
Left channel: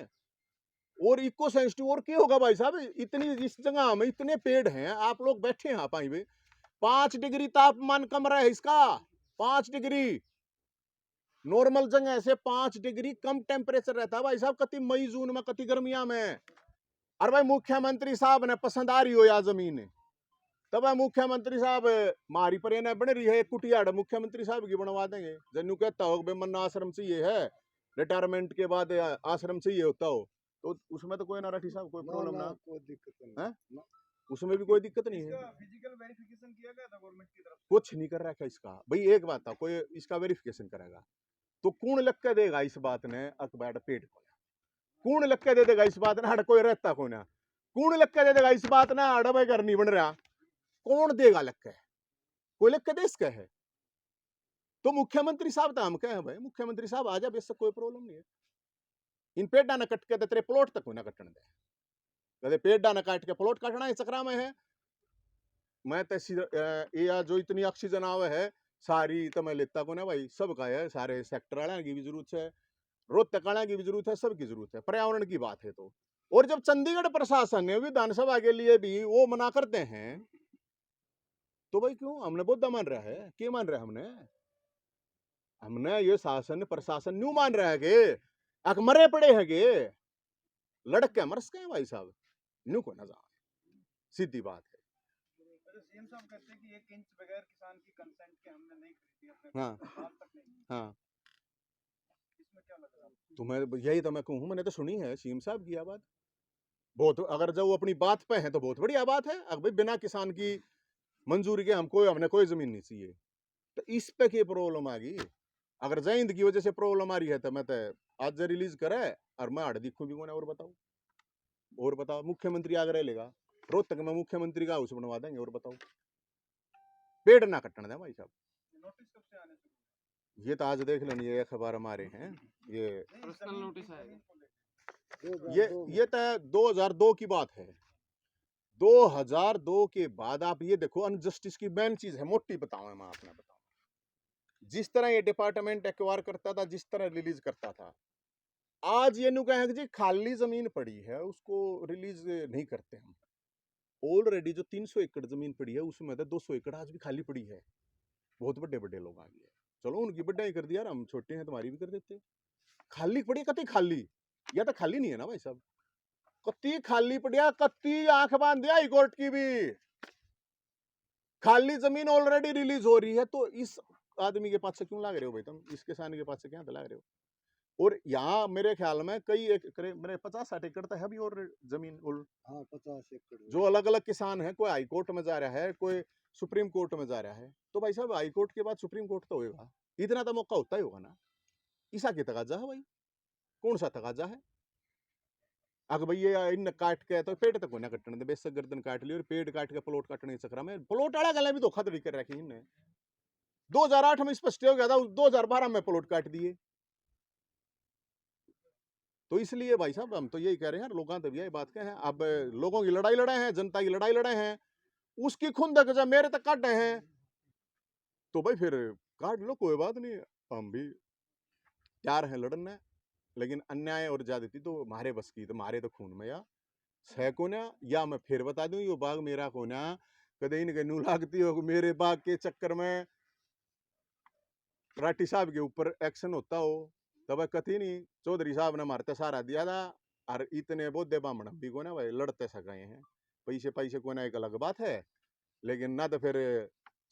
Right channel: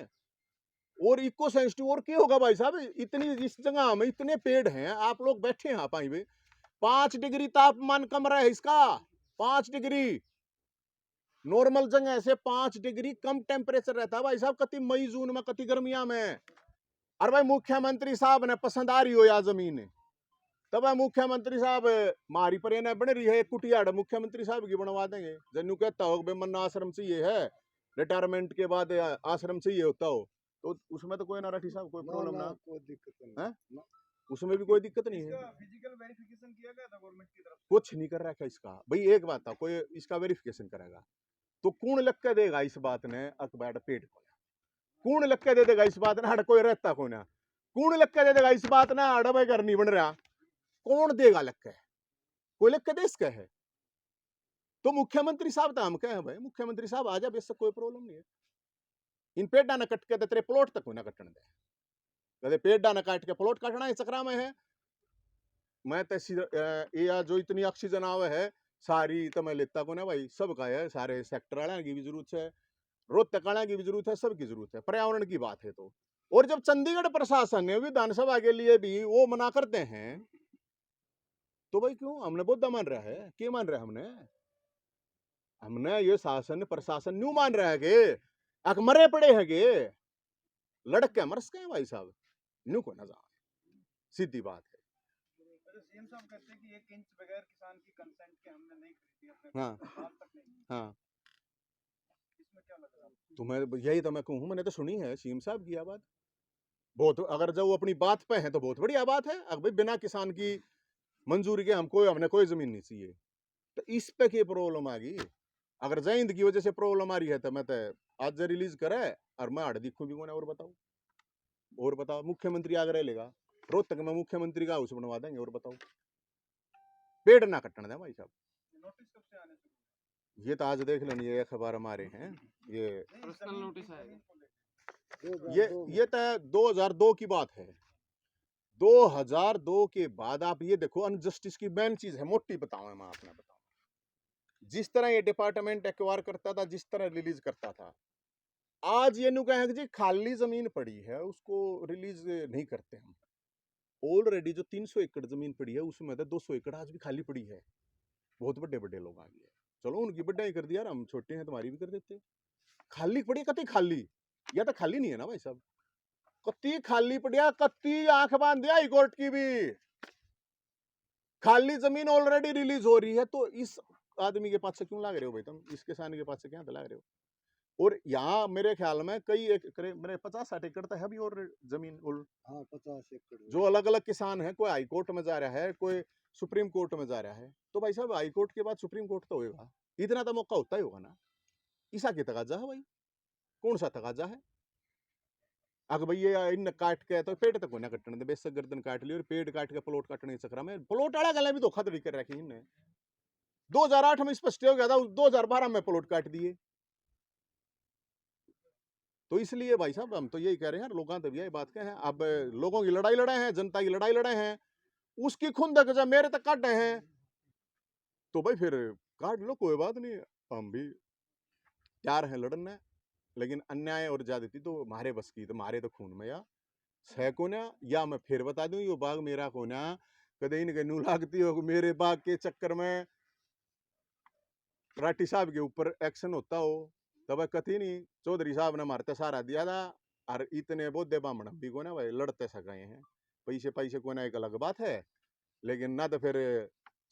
और इको सेंसिटिव और क्या होगा भाई साहब, इतनी इस जगह में इतने पेड़ हैं, आप लोग बैठे हैं आप में 5 डिग्री तापमान कम रहा है इसका, 5 डिग्री नॉर्मल जगह से 5 डिग्री कम टेम्परेचर रहता है भाई साहब, कति मई जून में कति गर्मिया में। और भाई मुख्यमंत्री साहब ने पसंद आ रही हो या जमीन, तब भाई मुख्यमंत्री साहब मारी पर ये बन रही है कुटियाड़, मुख्यमंत्री साहब की बनवा देंगे। जन्नू कहता हो मन आश्रम चाहिए है, रिटायरमेंट के बाद आश्रम चाहिए होता हो, तो उसमें तो कोई ना राठी साहब कोई प्रॉब्लम ना, कोई दिक्कत नहीं है? ना। उसमें भी कोई दिक्कत नहीं है। इसका फिजिकल वेरिफिकेशन किया गया था गवर्नमेंट की तरफ से? कुछ नहीं कर रखा इसका भाई, एक बात था, कोई इसका वेरिफिकेशन करेगा तो कौन लग के देगा इस बात ने अकबर पेट को, कौन लग के दे देगा इस बात ने, हड़ कोई रहता को ना, कौन लग के दे देगा इस बात ना, हड़ भाई घर नहीं बन रहा, कौन देगा लग के, कोई लग के दे इसका है। तो मुख्यमंत्री साहब तो हम कहे भाई, मुख्यमंत्री साहब आ जा, बेशक कोई प्रॉब्लम नहीं है, इन पेड़ा न कट के तेरे प्लॉट तक ना कटन दे, कदे पेड़ा न काट के प्लॉट काटना इस चक्रा में है। मैं तो ये जो इतनी ऑक्सीजन आवे है सारी तो मैं लेता को ना भाई, सबका है, सारे सेक्टर वाले की भी जरूरत है, रोहतक वाले की भी जरूरत है, सबकी जरूरत है, पर्यावरण की बात है तो। और जब चंडीगढ़ प्रशासन ने विधानसभा के लिए भी वो मना करते हैं तो भाई क्यों हमने बौद्धा मान रहा है, क्या मान रहा है हमने ये शासन प्रशासन न्यू मान रहा है कि अक मरे पड़े है के लड़के मरस गए भाई साहब, न्यू को ना जा, सीधी बात है। तो सीएम साहब कहते हैं कि 1 इंच बगैर किसान की कंसेंट के हमने नहीं खरीदी अपने हाँ बात तक नहीं, हाँ, इसमें क्या लग रहा है? तो मैं यही तो मैं कहूँ, मैंने तो सुनी है सीएम साहब की बात बहुत, अगर जब वो अपनी बात पे है तो बहुत बढ़िया बात है। अब भाई बिना किसान की मंजूरी के हमने कोई जमीन नहीं चाहिए, तो इस पे क्या प्रॉब्लम आ गई? अगर जैंद की वजह से प्रॉब्लम आ रही है तो मैं तो आज रिलीज करे और मैं हड़ दिखूं भी कौन, और बताओ मुख्यमंत्री आगरा लेगा, रोहतक में मुख्यमंत्री का हाउस बनवा देंगे, और बताओ पेड़ ना कटने दें भाई साहब। नोटिस कब से आने शुरू हुए? ये तो आज देख लेनी, ये अखबार हमारे हैं, ये नहीं, पर्सनल जमीन नोटिस की आएगा। जमीन को लेकर। ये तो 2002 की बात है। 2002 के बाद आप ये देखो, अनजस्टिस की मेन चीज है, मोटी बताऊं मैं आपने बताऊं, जिस तरह ये डिपार्टमेंट एक्वायर करता था, जिस तरह रिलीज करता था, आज ये नु कहें कि जी खाली जमीन पड़ी है उसको रिलीज नहीं करते हम। ऑलरेडी जो 300 एकड़ जमीन पड़ी है उसमें तो 200 एकड़ आज भी खाली पड़ी है, बहुत बड़े बड़े लोग आ गए, चलो उनकी बढ़ाई कर दिया, हम छोटे हैं तुम्हारी भी कर देते। खाली पड़ी कति खाली, या तो खाली नहीं है ना भाई साहब, कति खाली पड़िया, कति आंख बांध दिया हाईकोर्ट की भी, खाली जमीन ऑलरेडी रिलीज हो रही है, तो इस आदमी के पास से क्यों लाग रहे हो भाई तुम, इस किसान के पास से क्या लाग रहे हो? और यहाँ मेरे ख्याल में कई एकड़, मेरे 50-60 एकड़ तो है भी और जमीन हाँ 50 एकड़ जो अलग अलग किसान है, कोई हाई कोर्ट में जा रहा है, कोई सुप्रीम कोर्ट में जा रहा है, तो भाई साहब हाई कोर्ट के बाद सुप्रीम कोर्ट तो होगा, इतना तो मौका होता ही होगा ना। ईसा की तकाजा है भाई, कौन सा तकाजा है? अगर भैया इन काट के तो पेड़ तक ना कटने दे, बेशक गर्दन काट ली और पेड़ काट के प्लॉट काटने के चक्कर में, प्लॉट वाला गला भी धोखाधड़ी कर रखी इनने। 2008 में स्पष्ट हो गया था, 2012 में प्लॉट काट दिए। तो इसलिए भाई साहब हम तो यही कह रहे हैं, लोगों तो यही बात कहे हैं, अब लोगों की लड़ाई लड़े हैं, जनता की लड़ाई लड़े हैं, उसकी खुंदक जब मेरे तक काटे हैं तो भाई फिर काट लो, कोई बात नहीं, हम भी तैयार हैं लड़ने, लेकिन अन्याय और ज्यादती तो हमारे बस की, तो हमारे तो खून में या सह को ना, या मैं फिर बता दूं ये बाग मेरा को ना, कदे इनके नू लागती हो मेरे बाग के चक्कर में राठी साहब के ऊपर एक्शन होता हो, तब कथी नहीं चौधरी साहब ने मारते सहारा दिया था, और इतने बोधे बामण भी को ना भाई लड़ते सकाए हैं, पैसे पैसे को ना एक अलग बात है, लेकिन ना तो फिर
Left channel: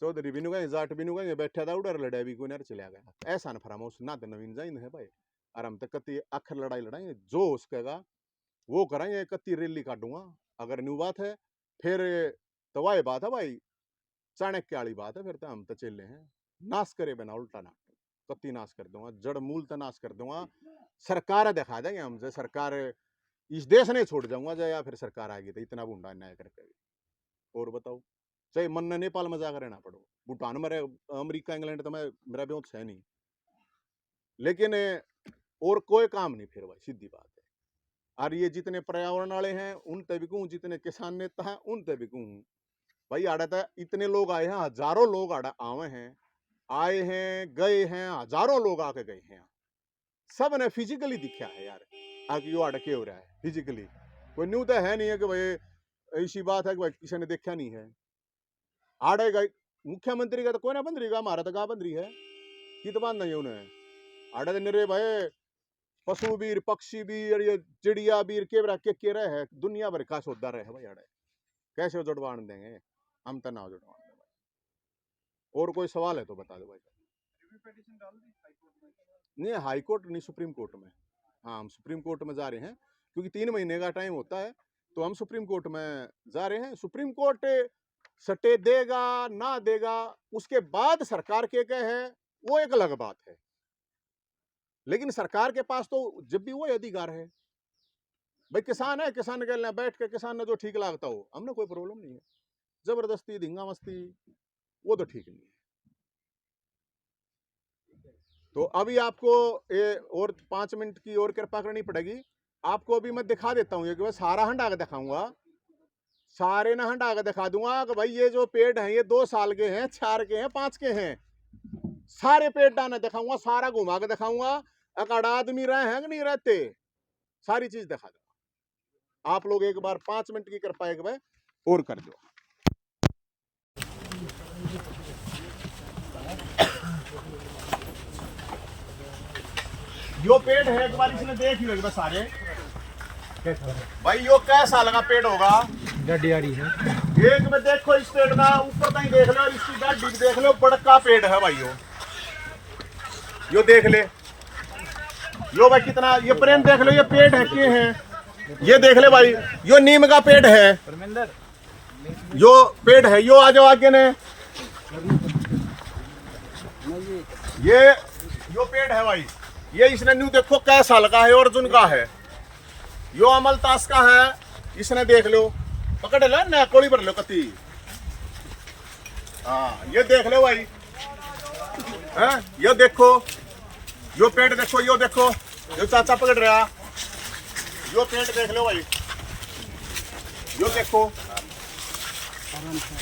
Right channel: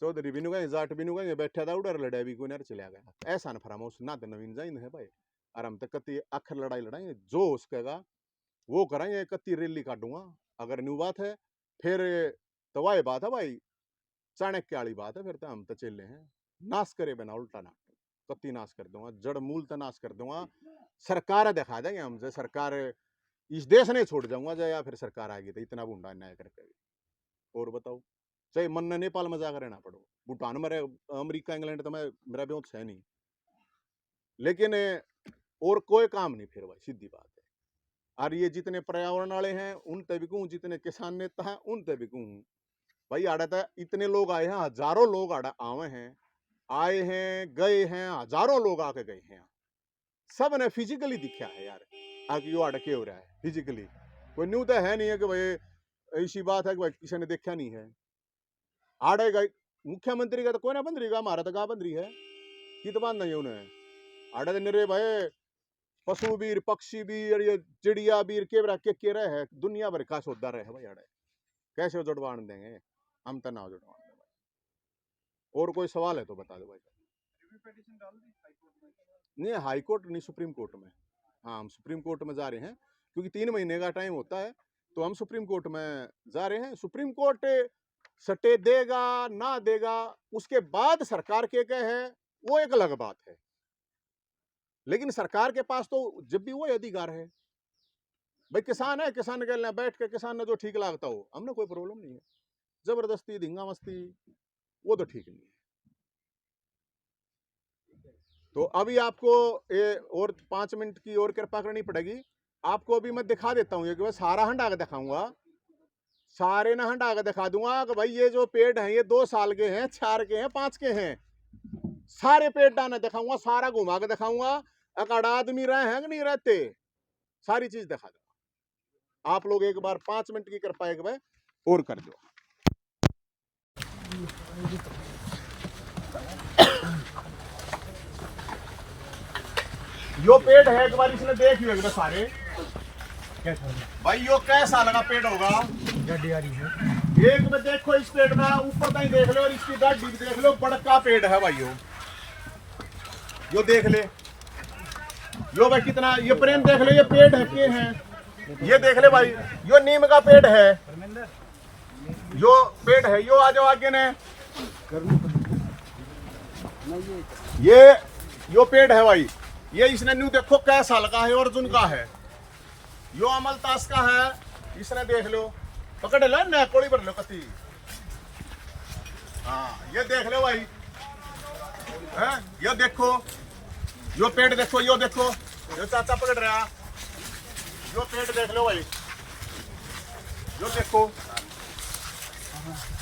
चौधरी बिनू गए, जाट बिनू गए, बैठा था उधर लड़ाई भी को ना चला गया, ऐसा न फरामोश ना तो नवीन जाइन है भाई, और हम तो कति आखिर लड़ाई लड़ाएंगे, जो हो सकेगा वो करेंगे, कति रैली काटूंगा, अगर न्यू बात है फिर तो वही बात है भाई, चाणक्य वाली बात है, फिर तो हम तो चले हैं, नाश करे बिना उल्टा ना, कत्ती नाश कर दूंगा, जड़ मूल तो नाश कर दूंगा, सरकार दिखा देंगे हमसे, सरकार इस देश नहीं छोड़ जाऊंगा या फिर सरकार आ गई तो इतना बूंदा अन्याय करके। और बताओ, चाहे मन ने नेपाल में जाकर रहना पड़ो, भूटान में रहे, अमेरिका इंग्लैंड तो मैं मेरा ब्योत है नहीं, लेकिन और कोई काम नहीं फिर भाई, सीधी बात है। और ये जितने पर्यावरण वाले हैं उन तक भी कहूँ, जितने किसान नेता हैं उन तक भी कहूँ भाई, आड़ा था इतने लोग आए हैं, हजारों लोग आए हैं, गए हैं, हजारों लोग आके गए हैं, सब ने फिजिकली दिखा है यार, आगे यो अड़के हो रहा है फिजिकली। कोई न्यू तो है नहीं है कि भाई ऐसी बात है कि भाई किसी ने देखा नहीं है। आड़ेगा मुख्यमंत्री का तो कोई ना बंद रही, हमारा तो कहाँ बंद रही है कि तो बांध नहीं उन्हें आड़े दिन रे भाई पशु बीर पक्षी बीर ये चिड़िया बीर के रहे है दुनिया भर का सौदा रहे भाई आड़े कैसे जुड़वान देंगे हम तो ना जुड़वान दें भाई। और कोई सवाल है तो बता दो भाई। रिव्यू पिटीशन डाल दी हाई कोर्ट में? नहीं हाई कोर्ट नहीं, सुप्रीम कोर्ट में। हाँ हम सुप्रीम कोर्ट में जा रहे हैं क्योंकि 3 महीने का टाइम होता है, तो हम सुप्रीम कोर्ट में जा रहे हैं। सुप्रीम कोर्ट स्टे देगा ना देगा उसके बाद सरकार के है वो एक अलग बात है, लेकिन सरकार के पास तो जब भी वो अधिकार है भाई। किसान है, किसान के लिए बैठ के किसान ने जो ठीक लगता हो हमने कोई प्रॉब्लम नहीं है। जबरदस्ती धिंगा मस्ती वो तो ठीक नहीं है। तो अभी आपको और 5 मिनट की और कृपा करनी पड़ेगी। आपको अभी मैं दिखा देता हूँ कि सारा हंडा के दिखाऊंगा, सारे ना हंडा के दिखा दूंगा कि भाई ये जो पेड़ हैं ये 2 साल के हैं, 4 के हैं, 5 के हैं, सारे पेड़ डाने दिखाऊंगा, सारा घुमा के दिखाऊंगा। अकड़ आदमी रहे हैं कि नहीं रहते, सारी चीज दिखा दूंगा। आप लोग एक बार 5 मिनट की कृपा एक बार और कर दो। यो पेड़ है एक बार इसने देख लियो एक बार सारे भाई। यो कै साल का पेड़ होगा? गड्डी आ रही है एक में देखो इस पेड़ में ऊपर तक देख लो और इसकी डाढ़ी भी देख लो, बड़का पेड़ है भाई। यो देख ले, यो भाई कितना, ये प्रेम देख लो, ये पेड़ है के हैं, ये देख ले भाई। यो नीम का पेड़ है, यो पेड़ है। यो आ जाओ आगे ने, ये यो पेड़ है भाई। ये इसने न्यू देखो कै साल का है, अर्जुन का है। यो अमलतास का है, इसने देख लो, पकड़ लो ना कोड़ी पर लो कती। हाँ ये देख लो भाई, है ये देखो, यो पेड़ देखो, यो देखो, यो चाचा पकड़ रहा, यो पेड़ देख लो भाई, यो देखो,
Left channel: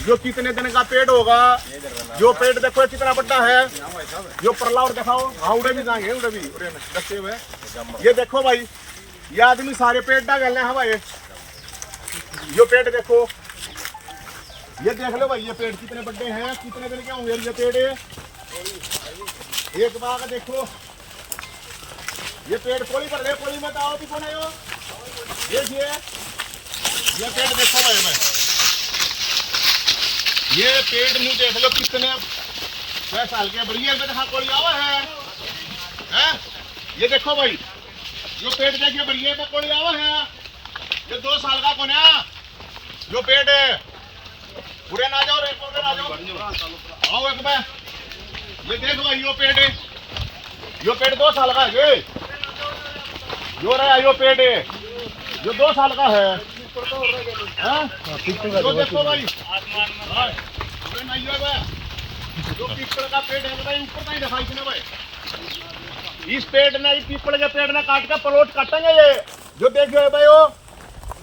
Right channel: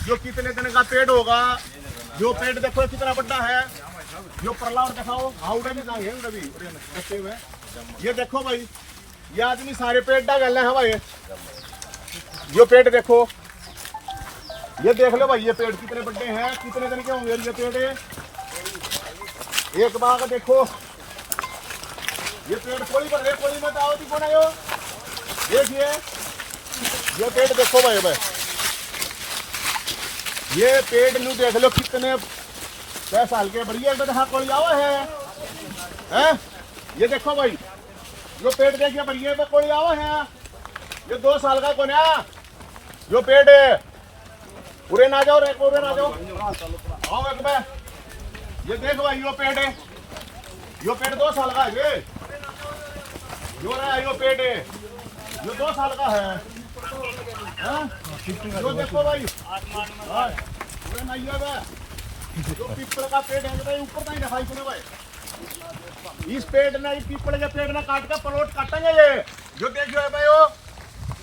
यो कितने दिन का पेड़ होगा। यो पेड़ देखो कितना बड़ा है। यो परला और दिखाओ, हाँ उड़े भी जाएंगे, उड़े भी उड़े रखे हुए। ये देखो भाई, ये आदमी सारे पेड़ डाल रहे हैं भाई। ये पेड़ देखो, ये देख लो भाई, ये पेड़ कितने बड़े हैं, कितने दिन के होंगे ये पेड़। एक बाग देखो, ये पेड़ कोई पर ले, कोई मत आओ, कौन आयो देखिए, ये पेड़ देखो भाई भाई, ये पेड़ नहीं देख लो कितने 6 साल के बढ़िया देखा कोई आओ है? ये देखो भाई, यो पेड़ देखिए बढ़िया पे कोई आओ है। ये 2 साल का कौन है यो पेड़ है। पूरे ना जाओ रे, पूरे ना जाओ, आओ एक बार। ये देखो भाई, यो पेड़ है, यो पेड़ 2 साल का है। यो रहा यो पेड़ है, यो 2 साल का है। यो देखो भाई, पूरे ना यो भाई, जो पीपल का पेड़ है भाई, ऊपर तक दिखाई सुनो भाई। इस पेड़ ने, पीपल के पेड़ ने काट के प्लॉट काटेंगे ये। जो देखिए भाई,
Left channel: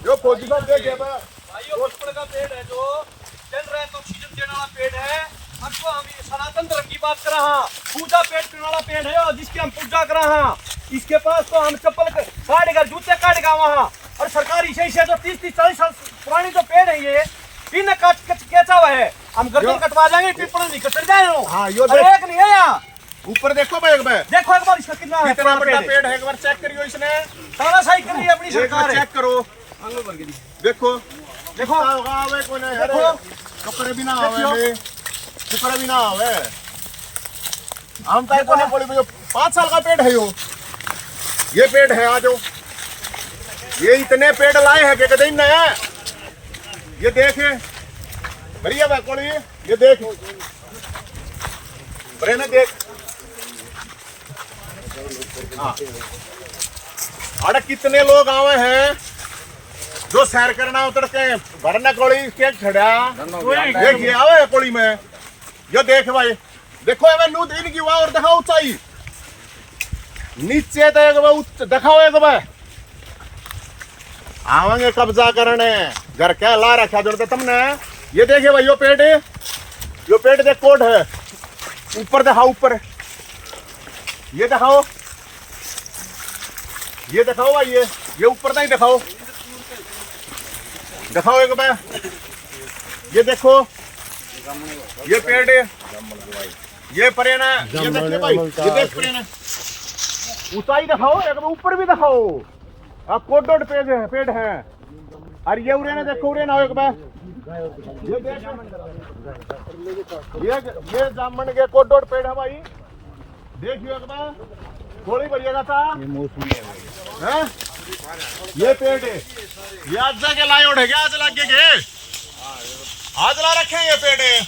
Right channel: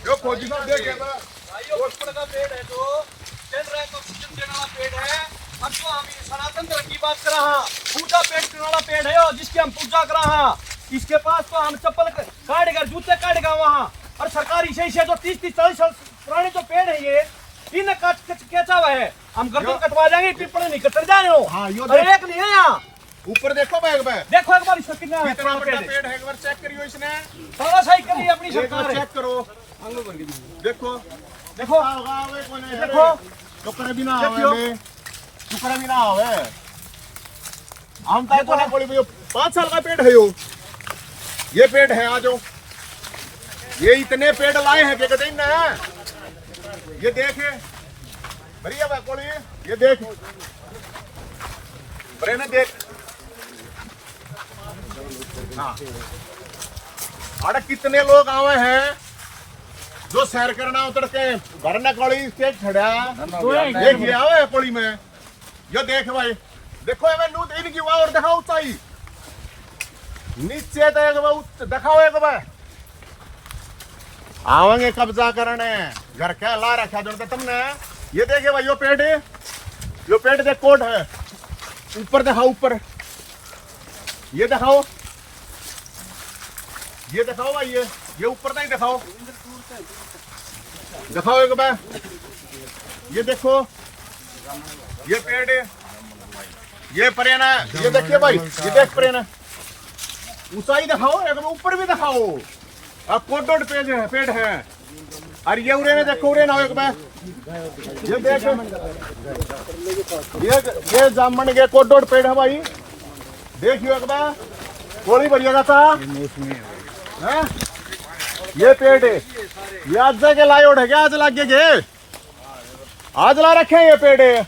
यो फौजी साहब देखिए भाई, यो पीपल का पेड़ है जो केंद्र है, ऑक्सीजन देने वाला पेड़ है। हम तो हम सनातन धर्म की बात कर रहा हूँ, पूजा पेड़ करने वाला पेड़ है और जिसकी हम पूजा कर रहा हैं। इसके पास तो हम चप्पल काटेगा, जूते काटेगा वहाँ, और सरकारी सही से जो 30-40 साल पुराने जो पेड़ है ये इन्हें कैसा हुआ है। हम गर्दन कटवा जाएंगे, पीपल नहीं कट जाए लो। हाँ यो एक नहीं है यहाँ, ऊपर देखो भाई, एक बार देखो एक बार इसका कितना है कितना बड़ा पेड़ है, एक बार चेक करियो। इसने तानाशाही कर रही है अपनी सरकार है। चेक करो, देखो देखो होगा वे कौन है, देखो टुकड़े भी ना आवे, टुकड़ा भी ना आवे। हम तो कोने बोले भाई 5 साल का पेड़ है यो, ये पेड़ है। आ जाओ, ये इतने पेड़ लाए हैं कहते ही ना, ये देखे बढ़िया भाई कोड़ी, ये देख बड़े ने देख। अरे कितने लोग आए हैं जो सैर करना उतर के घर न कोड़ी के खड़ा देखिए आवे कोड़ी में। ये देख भाई, देखो एवं नू दिन की और दिखाओ ऊंचाई, नीचे तो एक दिखाओ एक बार। आवेंगे कब्जा करने, घर क्या ला रखा जो तुमने। ये देखिए भाई, यो पेड़ देख कोट है, ऊपर दिखाओ, ऊपर ये दिखाओ, ये दिखाओ भाई, ये ऊपर तक दिखाओ, दिखाओ एक बार। ये देखो, ये पेड़ है, ये परेना, ये देखिए भाई, ये देख परेना, ऊंचाई दिखाओ, एक बार ऊपर भी दिखाओ। अब कोट पेड़ है, और ये उरे ने देखो, उरे ना एक बार, ये देख, ये जामन के कोट पेड़ है भाई, देखियो एक बार, गोली बढ़िया जाता है। ये पेड़ है, ये आज के लाए उठे गया, आज लागे गए, आज ला रखे ये पेड़ है,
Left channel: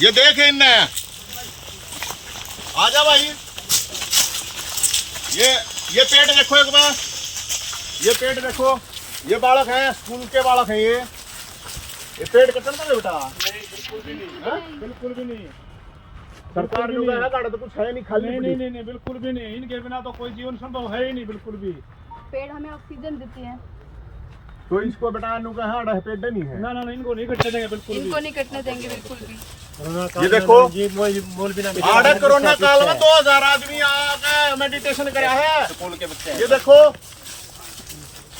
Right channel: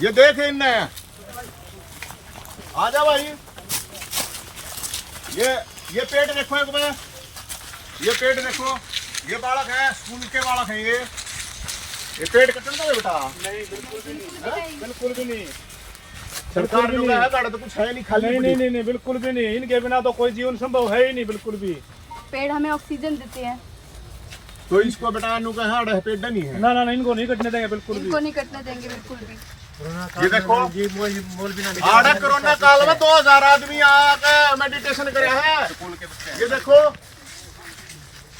ये देख इनने, आजा भाई, ये पेड़ देखो एक बार, ये पेड़ देखो, ये बालक है, स्कूल के बालक है ये पेड़ कटन तो बेटा नहीं, बिल्कुल भी नहीं। सरकार जो है गाड़ा तो कुछ है नहीं, खाली नहीं बिल्कुल भी नहीं, इनके बिना तो कोई जीवन संभव है ही नहीं, बिल्कुल भी। पेड़ हमें ऑक्सीजन देते हैं, तो इसको बेटा नु का हाड़ है, पेड़ नहीं है ना इनको नहीं कटने देंगे, बिल्कुल भी इनको नहीं कटने देंगे बिल्कुल भी। ये देखो, ये बोल भी ना आड़ा कोरोना काल में 2000 आदमी आके मेडिटेशन कराया है। ये देखो,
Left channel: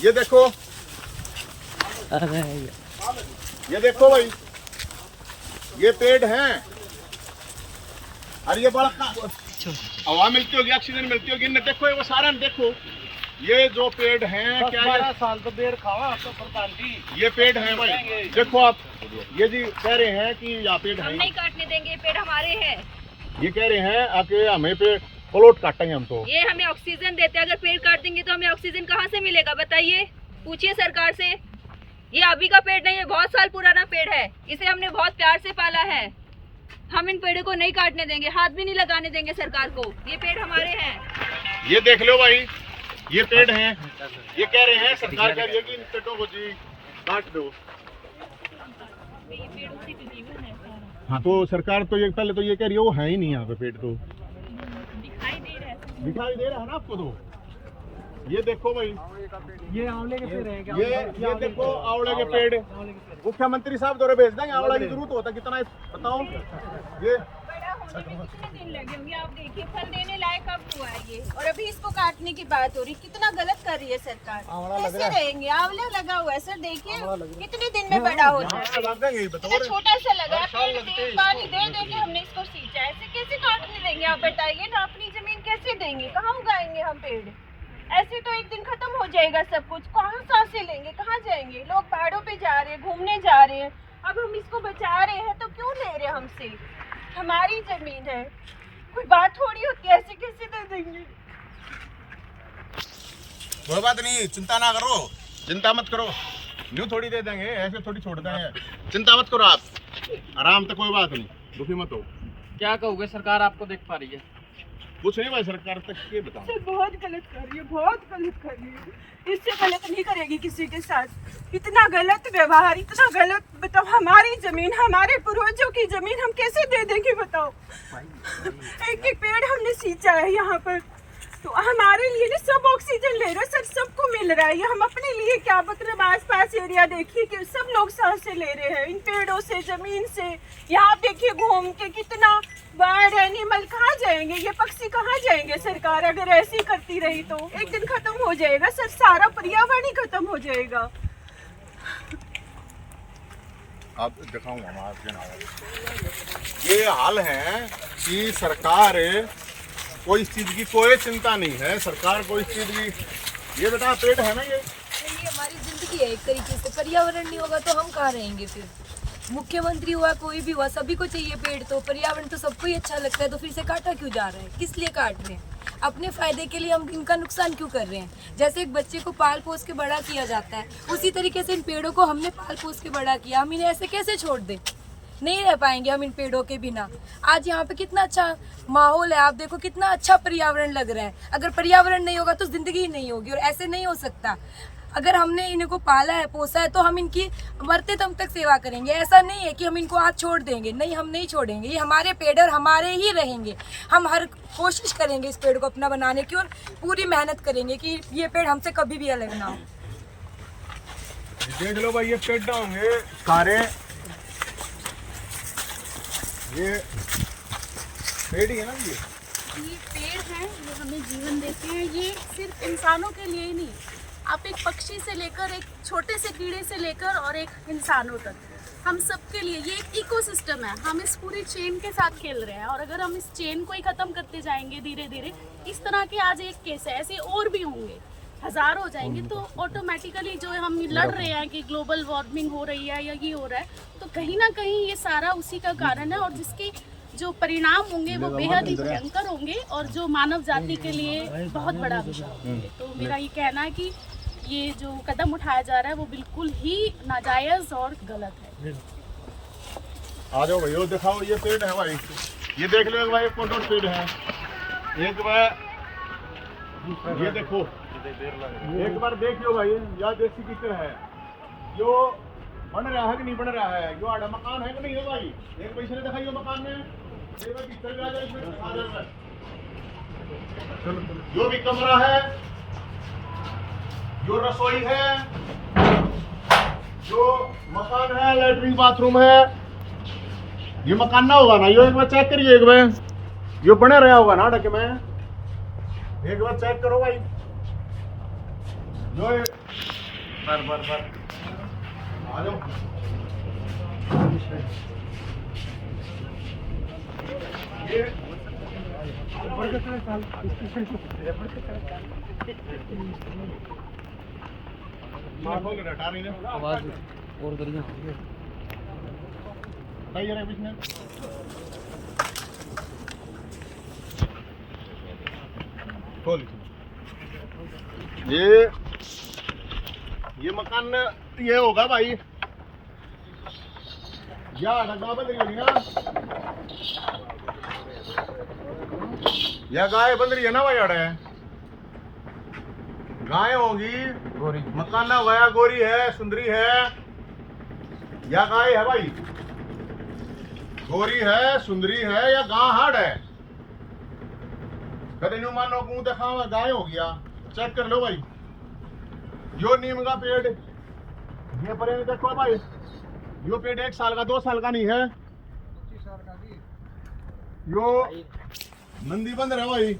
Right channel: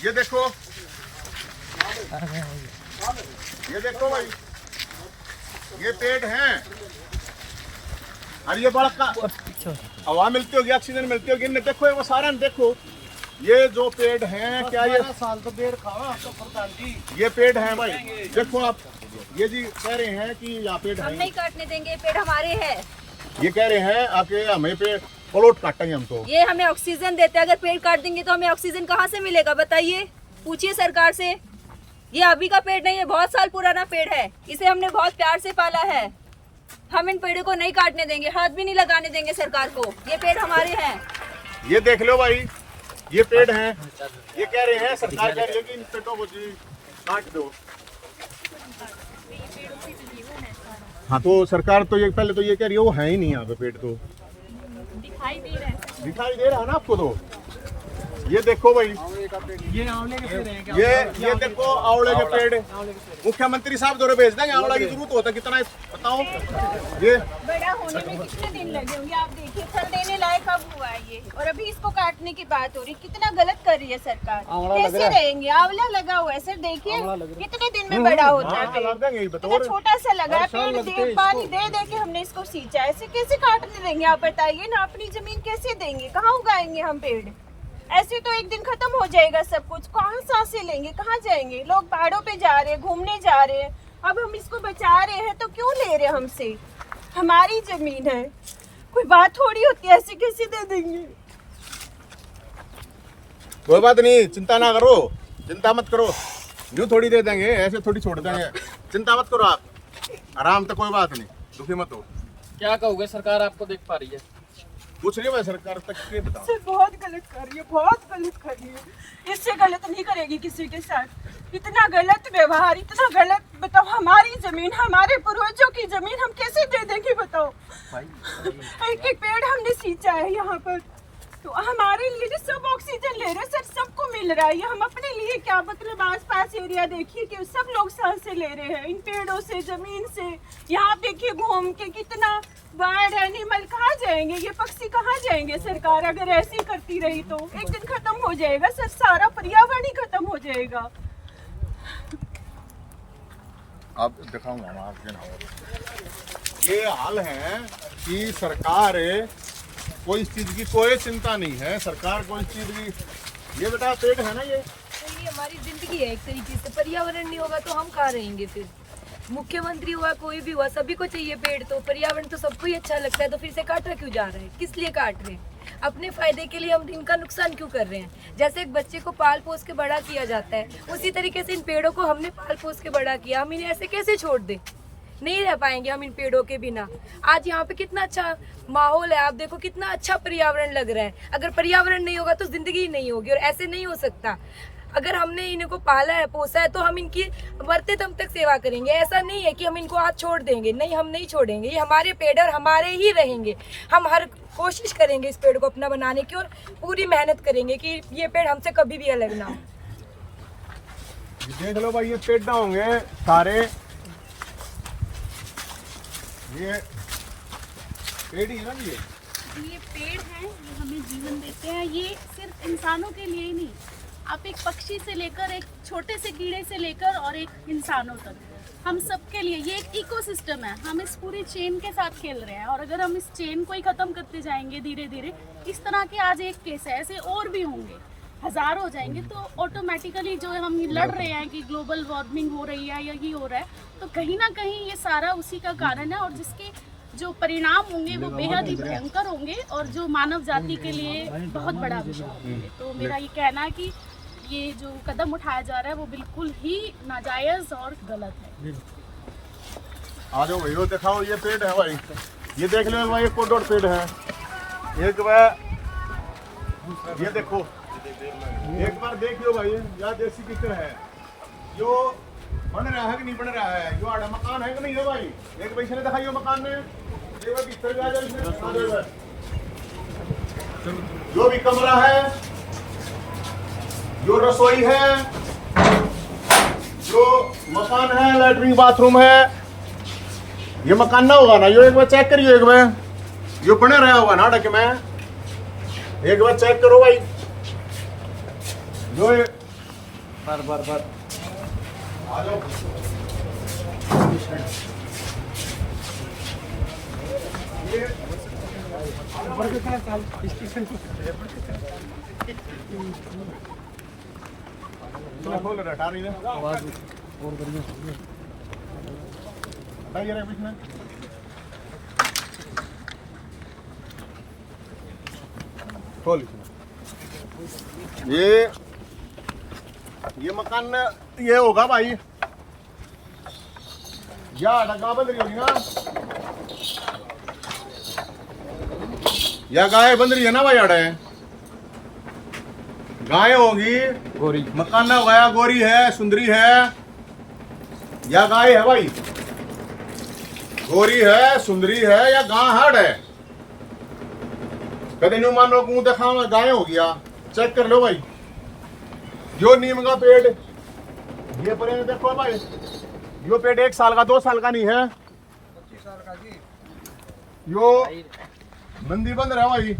ये देखो, ये देखो भाई, ये पेड़ हैं, और ये बड़ा हवा मिलती होगी, ऑक्सीजन मिलती होगी, इन्हें देखो, वो सारा देखो, ये जो पेड़ हैं, क्या ये साल तो देर खावा तो प्रधान जी, ये पेड़ हैं भाई, देखो आप, ये जी कह रहे हैं कि यहाँ पेड़ हम हैं, नहीं काटने देंगे, पेड़ हमारे हैं। ये कह रहे हैं आके हमें पे प्लॉट काटेंगे हम तो। ये हमें ऑक्सीजन देते हैं, अगर पेड़ काट देंगे तो हमें ऑक्सीजन कहाँ से मिलेगा बताइए, पूछिए सरकार से। ये अभी का पेड़ नहीं है, बहुत साल पुराना पेड़ है, इसे हमने बहुत प्यार से पाला है। हम इन पेड़ों को नहीं काटने देंगे, हाथ भी नहीं लगाने देंगे सरकार को, ये पेड़ हमारे हैं। ये देख लो भाई, ये पेड़ हैं, ये कह रहे हैं, सरकार कह रही है कि इन पेड़ों को जी काट दो। हाँ तो सरकार तो ये पहले तो ये कह रही है वो है ही नहीं यहाँ पे पेड़, तो दिखाई दे रहा है ना आपको। तो ये देखो भाई, ये आंवले के पेड़ हैं क्या? ये देखो आंवले के पेड़, मुख्यमंत्री साहब दौरे भेज देंगे, आंवला की जरूरत होता है कितना है बताओ। ये बड़ा होने में कितने दिन लगे होंगे, आप देखिए फल देने लायक कब हुआ है ये, और अभी इसको काटने की बात हो रही, कितना गलत कर रही है सरकार। कैसे रहेंगे, आंवला लगा हुआ है सर, देखिए कितने दिन में बड़ा होता है पेड़, इतना छोटा सा लगा है पेड़, दे पानी दे दे के हमने इसको सींचा, ऐसे कैसे काटने देंगे आप बताइए ना, अपनी जमीन कैसे देंगे, कहाँ उगाएंगे हम पेड़, ऐसे तो एक दिन खत्म हो जाएगा सब कुछ, कहाँ सांसें लेंगे, कहाँ जाएंगे, लोग पहाड़ों पे जा रहे हैं, घूमने जा रहे हैं, अब हम इसको बचा रहे हैं तो क्यों ले रहे हैं हमसे, हमारी जमीन है, कोई बात थोड़ी होती है, ऐसे कैसे दे देंगे। कोई बात नहीं, चिंता ना करो, चिंता मत करो, यूँ थोड़ी दे देंगे, ऐसे थोड़ी छोड़ देंगे, चिंता मत करो आप, आराम तो कोई बात नहीं, दुखी मत हो। क्या कहोगे, सरकार आपको देख पा रही है? कुछ नहीं भाई, सरकार तक के बताओ। सर बहुत गलत कर रही है, बहुत गलत कर रही है, इससे गलत नहीं करेगी किसी के साथ, इतना गलत व्यवहार, इतना गलत, बताओ हमारी जमीन, हमारे पूर्वजों की जमीन हम कैसे दे देंगे बताओ। एक एक पेड़ हमने सींचा है यहाँ पर, तो हमारे लिए ना सब ऑक्सीजन ले रहे हैं सर, सबको मिल रहा है, ये हम अपने लिए क्या, मतलब आस पास एरिया देखिए कि सब लोग सांसें ले रहे हैं इन पेड़ों से, जमीन से, यहाँ देखिए घूम के कितना बर्ड एनिमल कहाँ जाएंगे, ये पक्षी कहाँ जाएंगे, सरकार अगर ऐसी करती रही तो एक दिन खत्म हो जाएगा सर, सारा पर्यावरण ही खत्म हो जाएगा। अब दिखाऊंगा ये हाल है कि सरकार कोई इस चीज की कोई चिंता नहीं है, सरकार कोई इस चीज की, ये बेटा पेड़ है ना ये हमारी जिंदगी है एक तरीके से, पर्यावरण नहीं होगा तो हम कहाँ रहेंगे फिर, मुख्यमंत्री हुआ कोई भी हुआ सभी को चाहिए पेड़, तो पर्यावरण तो सबको ही अच्छा लगता है, तो फिर से काटा क्यों जा रहा है, किस लिए काट रहे हैं, अपने फायदे के लिए हम इनका नुकसान क्यों कर रहे हैं। जैसे एक बच्चे को पाल पोस के बड़ा किया जाता है, उसी तरीके से इन पेड़ों को हमने पाल पोस के बड़ा किया, हम इन्हें ऐसे कैसे छोड़ दें, नहीं रह पाएंगे हम इन पेड़ों के बिना। आज यहाँ पे कितना अच्छा माहौल है, आप देखो कितना अच्छा पर्यावरण लग रहा है, अगर पर्यावरण नहीं होगा तो जिंदगी ही नहीं होगी, और ऐसे नहीं हो सकता। अगर हमने इनको पाला है, पोसा है, तो हम इनकी मरते दम तक सेवा करेंगे, ऐसा नहीं है कि हम इनको आज छोड़ देंगे, नहीं हम नहीं छोड़ेंगे, ये हमारे पेड़ और हमारे ही रहेंगे। हम हर कोशिश करेंगे इस पेड़ को अपना बनाने की, और पूरी मेहनत करेंगे कि ये पेड़ हमसे कभी भी अलग ना हो। देख लो भाई, ये पेड़ होंगे सारे, ये पेड़ ही है ना, ये पेड़ हैं जो हमें जीवन देते हैं, ये सिर्फ इंसानों के लिए ही नहीं, आप एक पक्षी से लेकर एक छोटे से कीड़े से लेकर और एक इंसानों तक, हम सबके लिए ये एक इकोसिस्टम है। हम इस पूरी चेन के साथ खेल रहे हैं और अगर हम इस चेन को ही ख़त्म करते जाएंगे धीरे धीरे, इस तरह के आज एक केस है, ऐसे और भी होंगे, हज़ार हो जाएंगे, तो ऑटोमेटिकली जो हम लड़ रहे हैं कि ग्लोबल वार्मिंग हो रही है या ये हो रहा है, तो कहीं ना कहीं ये सारा उसी का कारण है और जिसके जो परिणाम होंगे वो बेहद ही भयंकर होंगे और जो मानव जाति के लिए बहुत बड़ा अभिशाप होंगे। तो मेरा ये कहना है कि ये जो कदम उठाया जा रहा है वो बिल्कुल ही नाजायज़ और गलत है। आ जाओ भाई, वो दिखाओ, ये पेड़ है भाई, ये देख लो भाई, एक और पेड़ है, एक बार ये देखो, एक बार देखियो भाई, यह देसी किकर है, जो बन रहा है कि नहीं बन रहा है, जो आड़ा मकान है कि नहीं है भाई, एक भाई ने दिखाइयो मकान ने, एक बार भीतर जा जाओ इसमें, जो भी कमरा है, जो रसोई है, जो मकान है, लैट्रिन बाथरूम है, ये मकान ना होगा ना, यो एक बार चेक करियो, एक बार यो बने रहा होगा ना ढक में, एक बार चेक करो भाई, जो बार आ जाओ, खोल रहा हटा रही है आवाज और बढ़िया हटाइए रे बीच में, खोल, ये मकान ये होगा भाई, या डगा बंद रही होगी ना, या गाय बंद रही है ना भाई, अड़े गाय होगी, गोरी मकान ना होगा, गोरी है, सुंदरी है, या गाय है भाई, गोरी है, सुंदरी है, या गां हाड़ है, कदे न्यू मानो को देखा गाय हो गया, चेक कर लो भाई, यो नीम का पेड़, ये पर देखो भाई, यो पेड़ 1 साल का 2 साल का नहीं है, 25 साल का जी, यो मंदी बंद रहा भाई,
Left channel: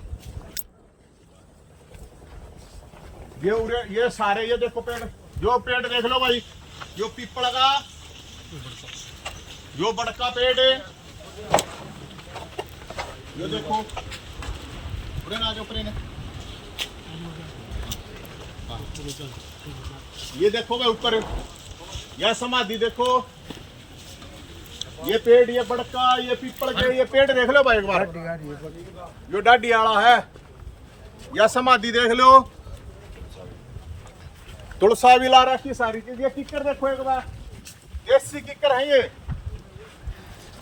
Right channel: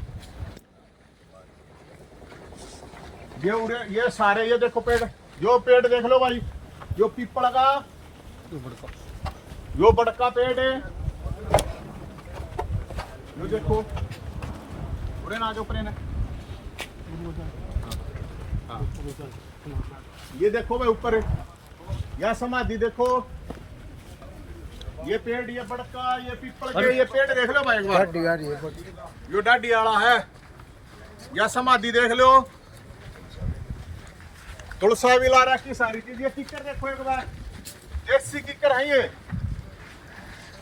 ये सारे, ये देखो पेड़, यो पेड़ देख लो भाई, यो पीपल का, यो बड़का पेड़ है, यो देखो, आ जाओ प्रेन, ये देखो भाई ऊपर, यह समाधि देखो, ये पेड़, ये बड़का, ये पीपल के, ये पेड़ देख लो भाई एक बार, यो डाडी आला है, यह समाधि देख लो, तुलसा भी ला रखी सारी चीज, ये किकर देखो एक बार, देसी किकर है, ये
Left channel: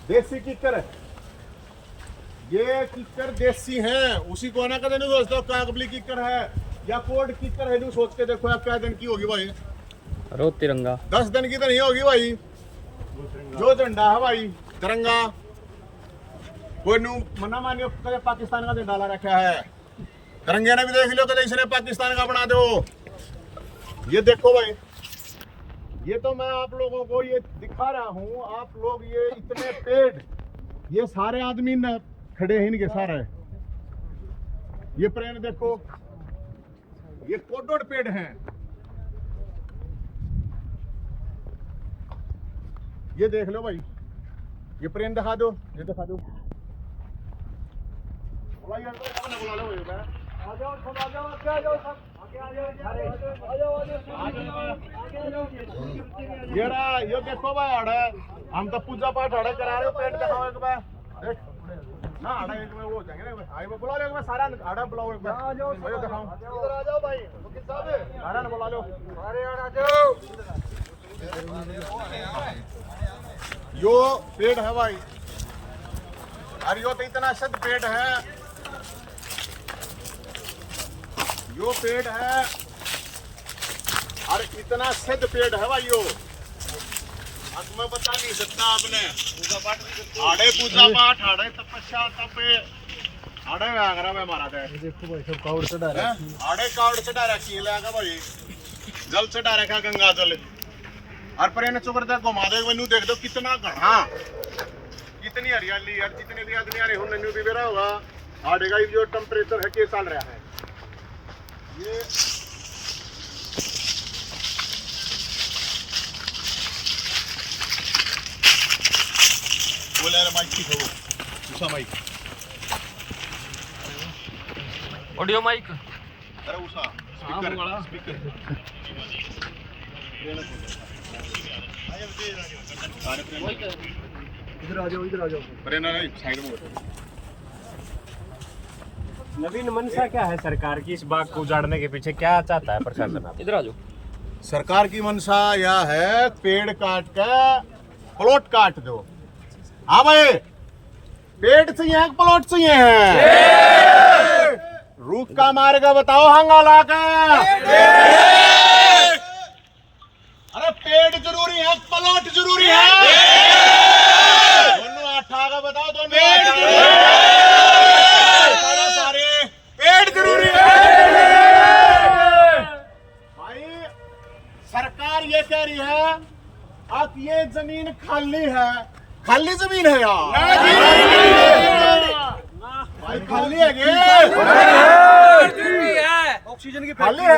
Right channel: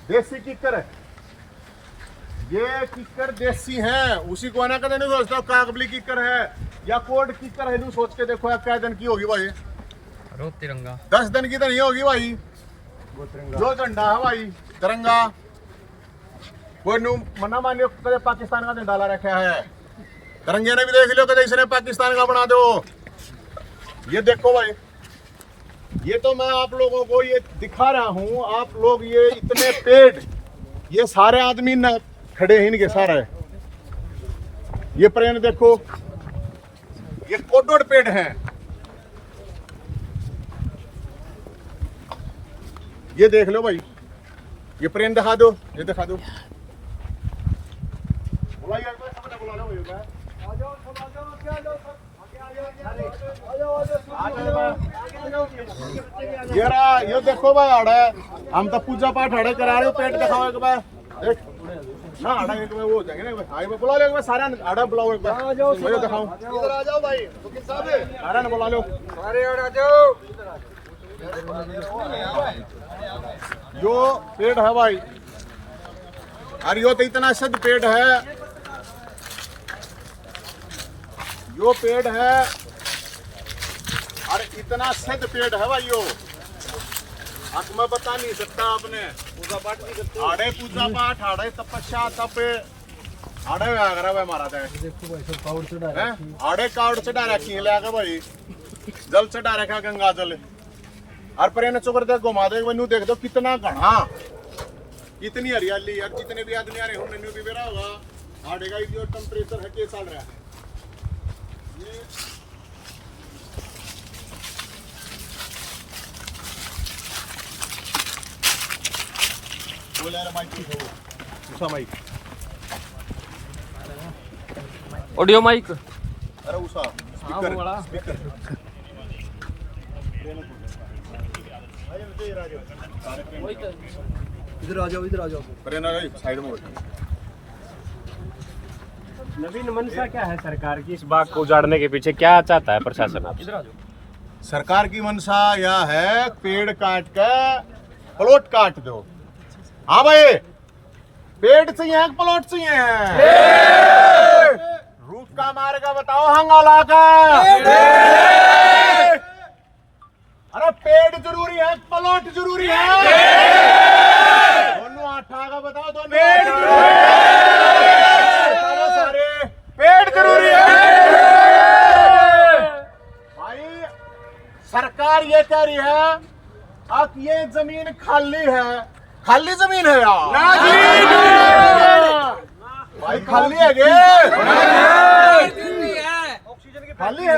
देसी किकर है, ये किकर देसी हैं, उसी को ना कदे नहीं सोचता कागबली किकर है या कोड किकर है, सोच के देखो यार क्या दिन की होगी भाई, रोज तिरंगा 10 दिन की तो नहीं होगी भाई, जो झंडा है भाई तिरंगा, कोई नू मना मानियो कदे पाकिस्तान का झंडा ला रखा है, तिरंगे ने भी देख लियो कदे इसने पाकिस्तान का बना दो, ये देखो भाई, ये तो मैं आप लोगों को ये दिखा रहा हूँ, आप लोग ये इतने पेड़, ये सारे आदमी न खड़े हैं इनके सारे, ये प्रेन देखो, ये कोडोड पेड़ हैं, ये देख लो भाई, ये प्रेन दिखा दो, ये दिखा दो, बुलाइए बुला लो भाई, आ जाओ सब, आ जाओ, क्या आ जाओ सब, ये देखो भाई आड़ा, हम तो पूजा पाठ आड़े करा रहे हो, पेट दिखाओ एक बार, देख ना आड़ा एक बार वो हो जाएंगे ना भाई, बुला लो एक बार, सारा आड़ा बुलाओ एक बार, मुझे दिखाओ, इधर आ जाओ भाई, वकील साहब सारा ने बुला लो, अरे आ जाओ, यो पेड़ है भाई, अरे यो तो इतना सिद्ध पेड़ है, यो पेड़ है, अरे इतना सिद्ध पेड़ है भाई, यो आज मैं बता नहीं सकता आपने, आड़े पूजा पाठ, आड़े तपस्या, तप, आड़े आगरा मारा था, देखो भाई सब कावड़ चढ़ा रखी, आड़े कावड़ चढ़ा रखी है, ले भाई जल चढ़ा रखा, गंगा जल, और पर इन्हें चुकर देख घुमा दो, नू देख दो कितना घना, इतनी हरियाली, यार जितने भी आदमी आ रहे हो नन्यू भी बेरा होगा, आड़ेगा जो टेम्परेचर है के चल रहा है ये बोले यार माइक की हो उसा माइक ऑडियो माइक अरे उसा हाँ वो वाला इधर आ जाओ प्रेरणा साइड में नवीन मंशा क्या है सरकार की इस बाग को उजाड़ने के पीछे, क्या चाहता है प्रशासन? इधर आ जाओ। सरकार की मंशा यह है पेड़ काट के प्लॉट काट दो। हाँ भाई, पेड़ चाहिए प्लॉट चाहिए हैं रूख का मार्ग बताओ हंगोला का। अरे पेड़ जरूरी है प्लॉट जरूरी है दोनों आठा का बताओ दोनों सारे पेड़ जरूरी है भाई। सरकार ये कह रही है अब ये जमीन खाली है, खाली जमीन है यार भाई, खाली है गे ऑक्सीजन की खाली है।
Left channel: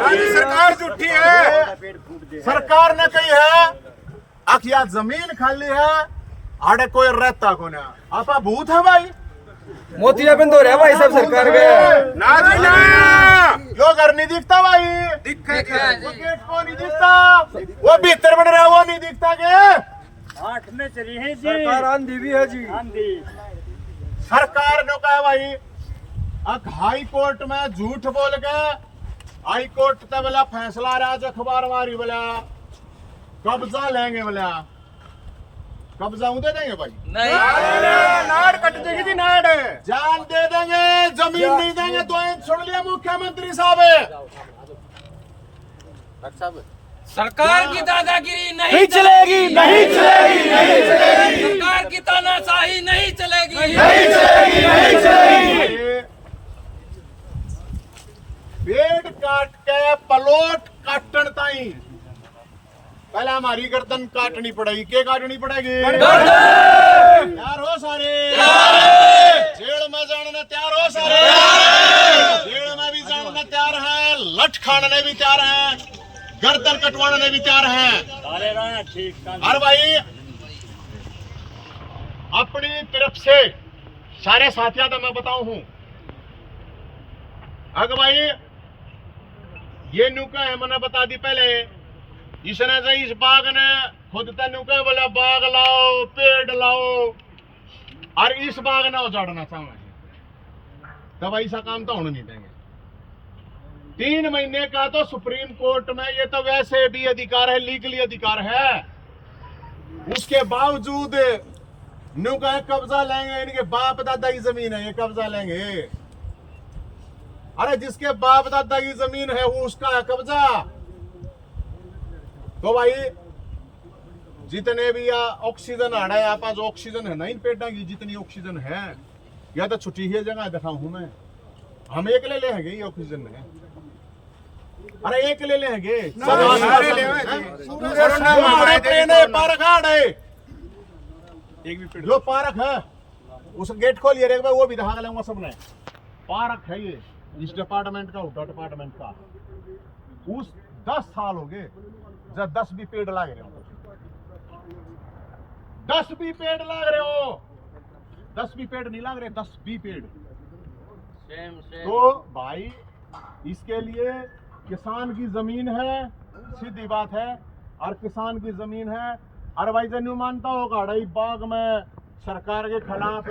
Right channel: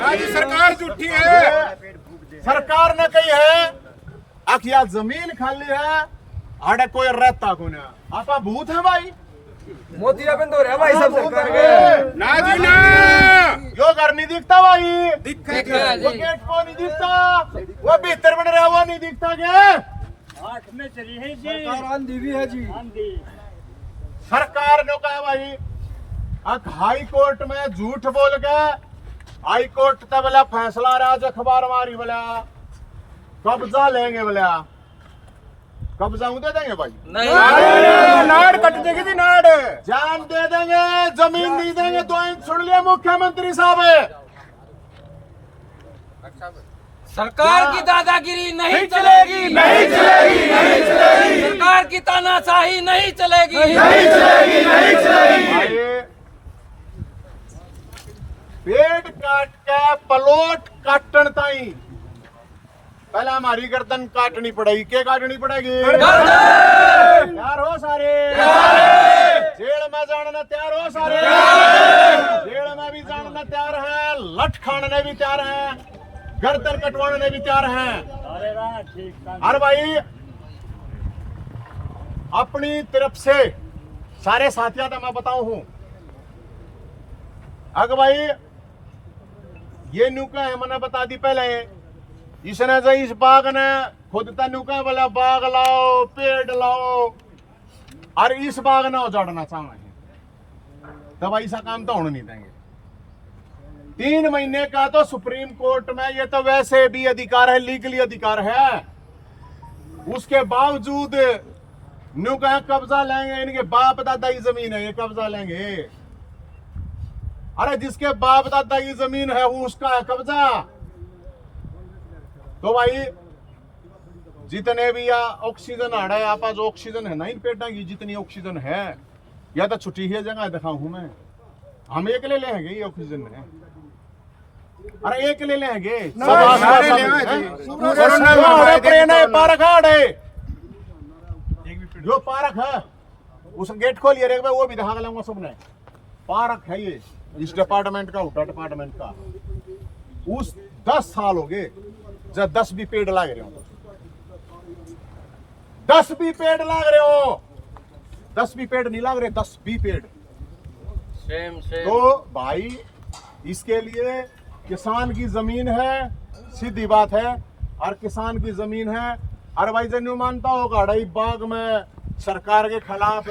राज्य सरकार झूठी है। सरकार ने कही है अखिया जमीन खाली है, आड़े कोई रहता को ना आपा भूत है भाई। मोतिया बंद हो रहा है भाई सब सरकार के। ना जी ना, यो घर नहीं दिखता भाई, वो गेट को नहीं दिखता, वो भीतर बन रहा वो नहीं दिखता के। सरकार आंधी भी है जी। सरकार ने कहा भाई अब हाई कोर्ट में झूठ बोल के हाई कोर्ट तब बोला फैसला राज अखबार मारी बोला कब्जा लेंगे बोला, कब्जा दे देंगे भाई नहीं, नाड़ कट देगी थी नाड़, जान दे देंगे, जमीन नहीं देंगे। तो सुन लिया मुख्यमंत्री साहब, सरकार की दादागिरी नहीं चलेगी, सरकार की तानाशाही नहीं चलेगी। पेड़ काट के प्लॉट काटन ताई पहले हमारी गर्दन काटनी पड़ेगी। क्या काटनी पड़ेगी? तैयार हो सारे? जेल में जाने तैयार हो सारे? जेल में भी जाने तैयार हैं, लठ खाने भी तैयार हैं, गर्दन कटवाने भी तैयार हैं। अरे भाई अपनी तरफ से सारे साथियों का मैं बताऊं हूं, अगर भाई ये नुका है मैंने बता दी पहले, इसने जो इस बाग ने खुद नुका बोला बाग लाओ पेड़ लाओ और इस बाग ने उजाड़ना चाहे तब ऐसा काम तो होने नहीं देंगे। 3 महीने का तो सुप्रीम कोर्ट में ये तो वैसे भी अधिकार है, लीगली अधिकार है, उसके बावजूद नुका कब्जा लेंगे, इनके बाप दादा की जमीन है ये कब्जा लेंगे। अरे जिसके बाप दादा की जमीन है वो उसका है कब्जा। तो भाई जितने भी या ऑक्सीजन आ रहा है आप जो ऑक्सीजन है ना इन पेड़ों की जितनी ऑक्सीजन है या तो छुट्टी ही जगह दिखाऊं हूं मैं, हम एक ले लेंगे ये ऑक्सीजन है। अरे एक ले लेंगे जो पार्क है उस गेट खोलिए वो भी दिखा लूंगा सबने। पार्क है ये इस डिपार्टमेंट का, उठा डिपार्टमेंट का, उस 10 साल हो गए जब 10 भी पेड़ लाग रहे हो, 10 भी पेड़ लाग रहे हो, 10 भी पेड़ नहीं लाग रहे, 10 भी पेड़ सेम तो भाई इसके लिए किसान की जमीन है, सीधी बात है, और किसान की जमीन है। और भाई जन्यू मानता हो गाड़ी बाग में सरकार के खिलाफ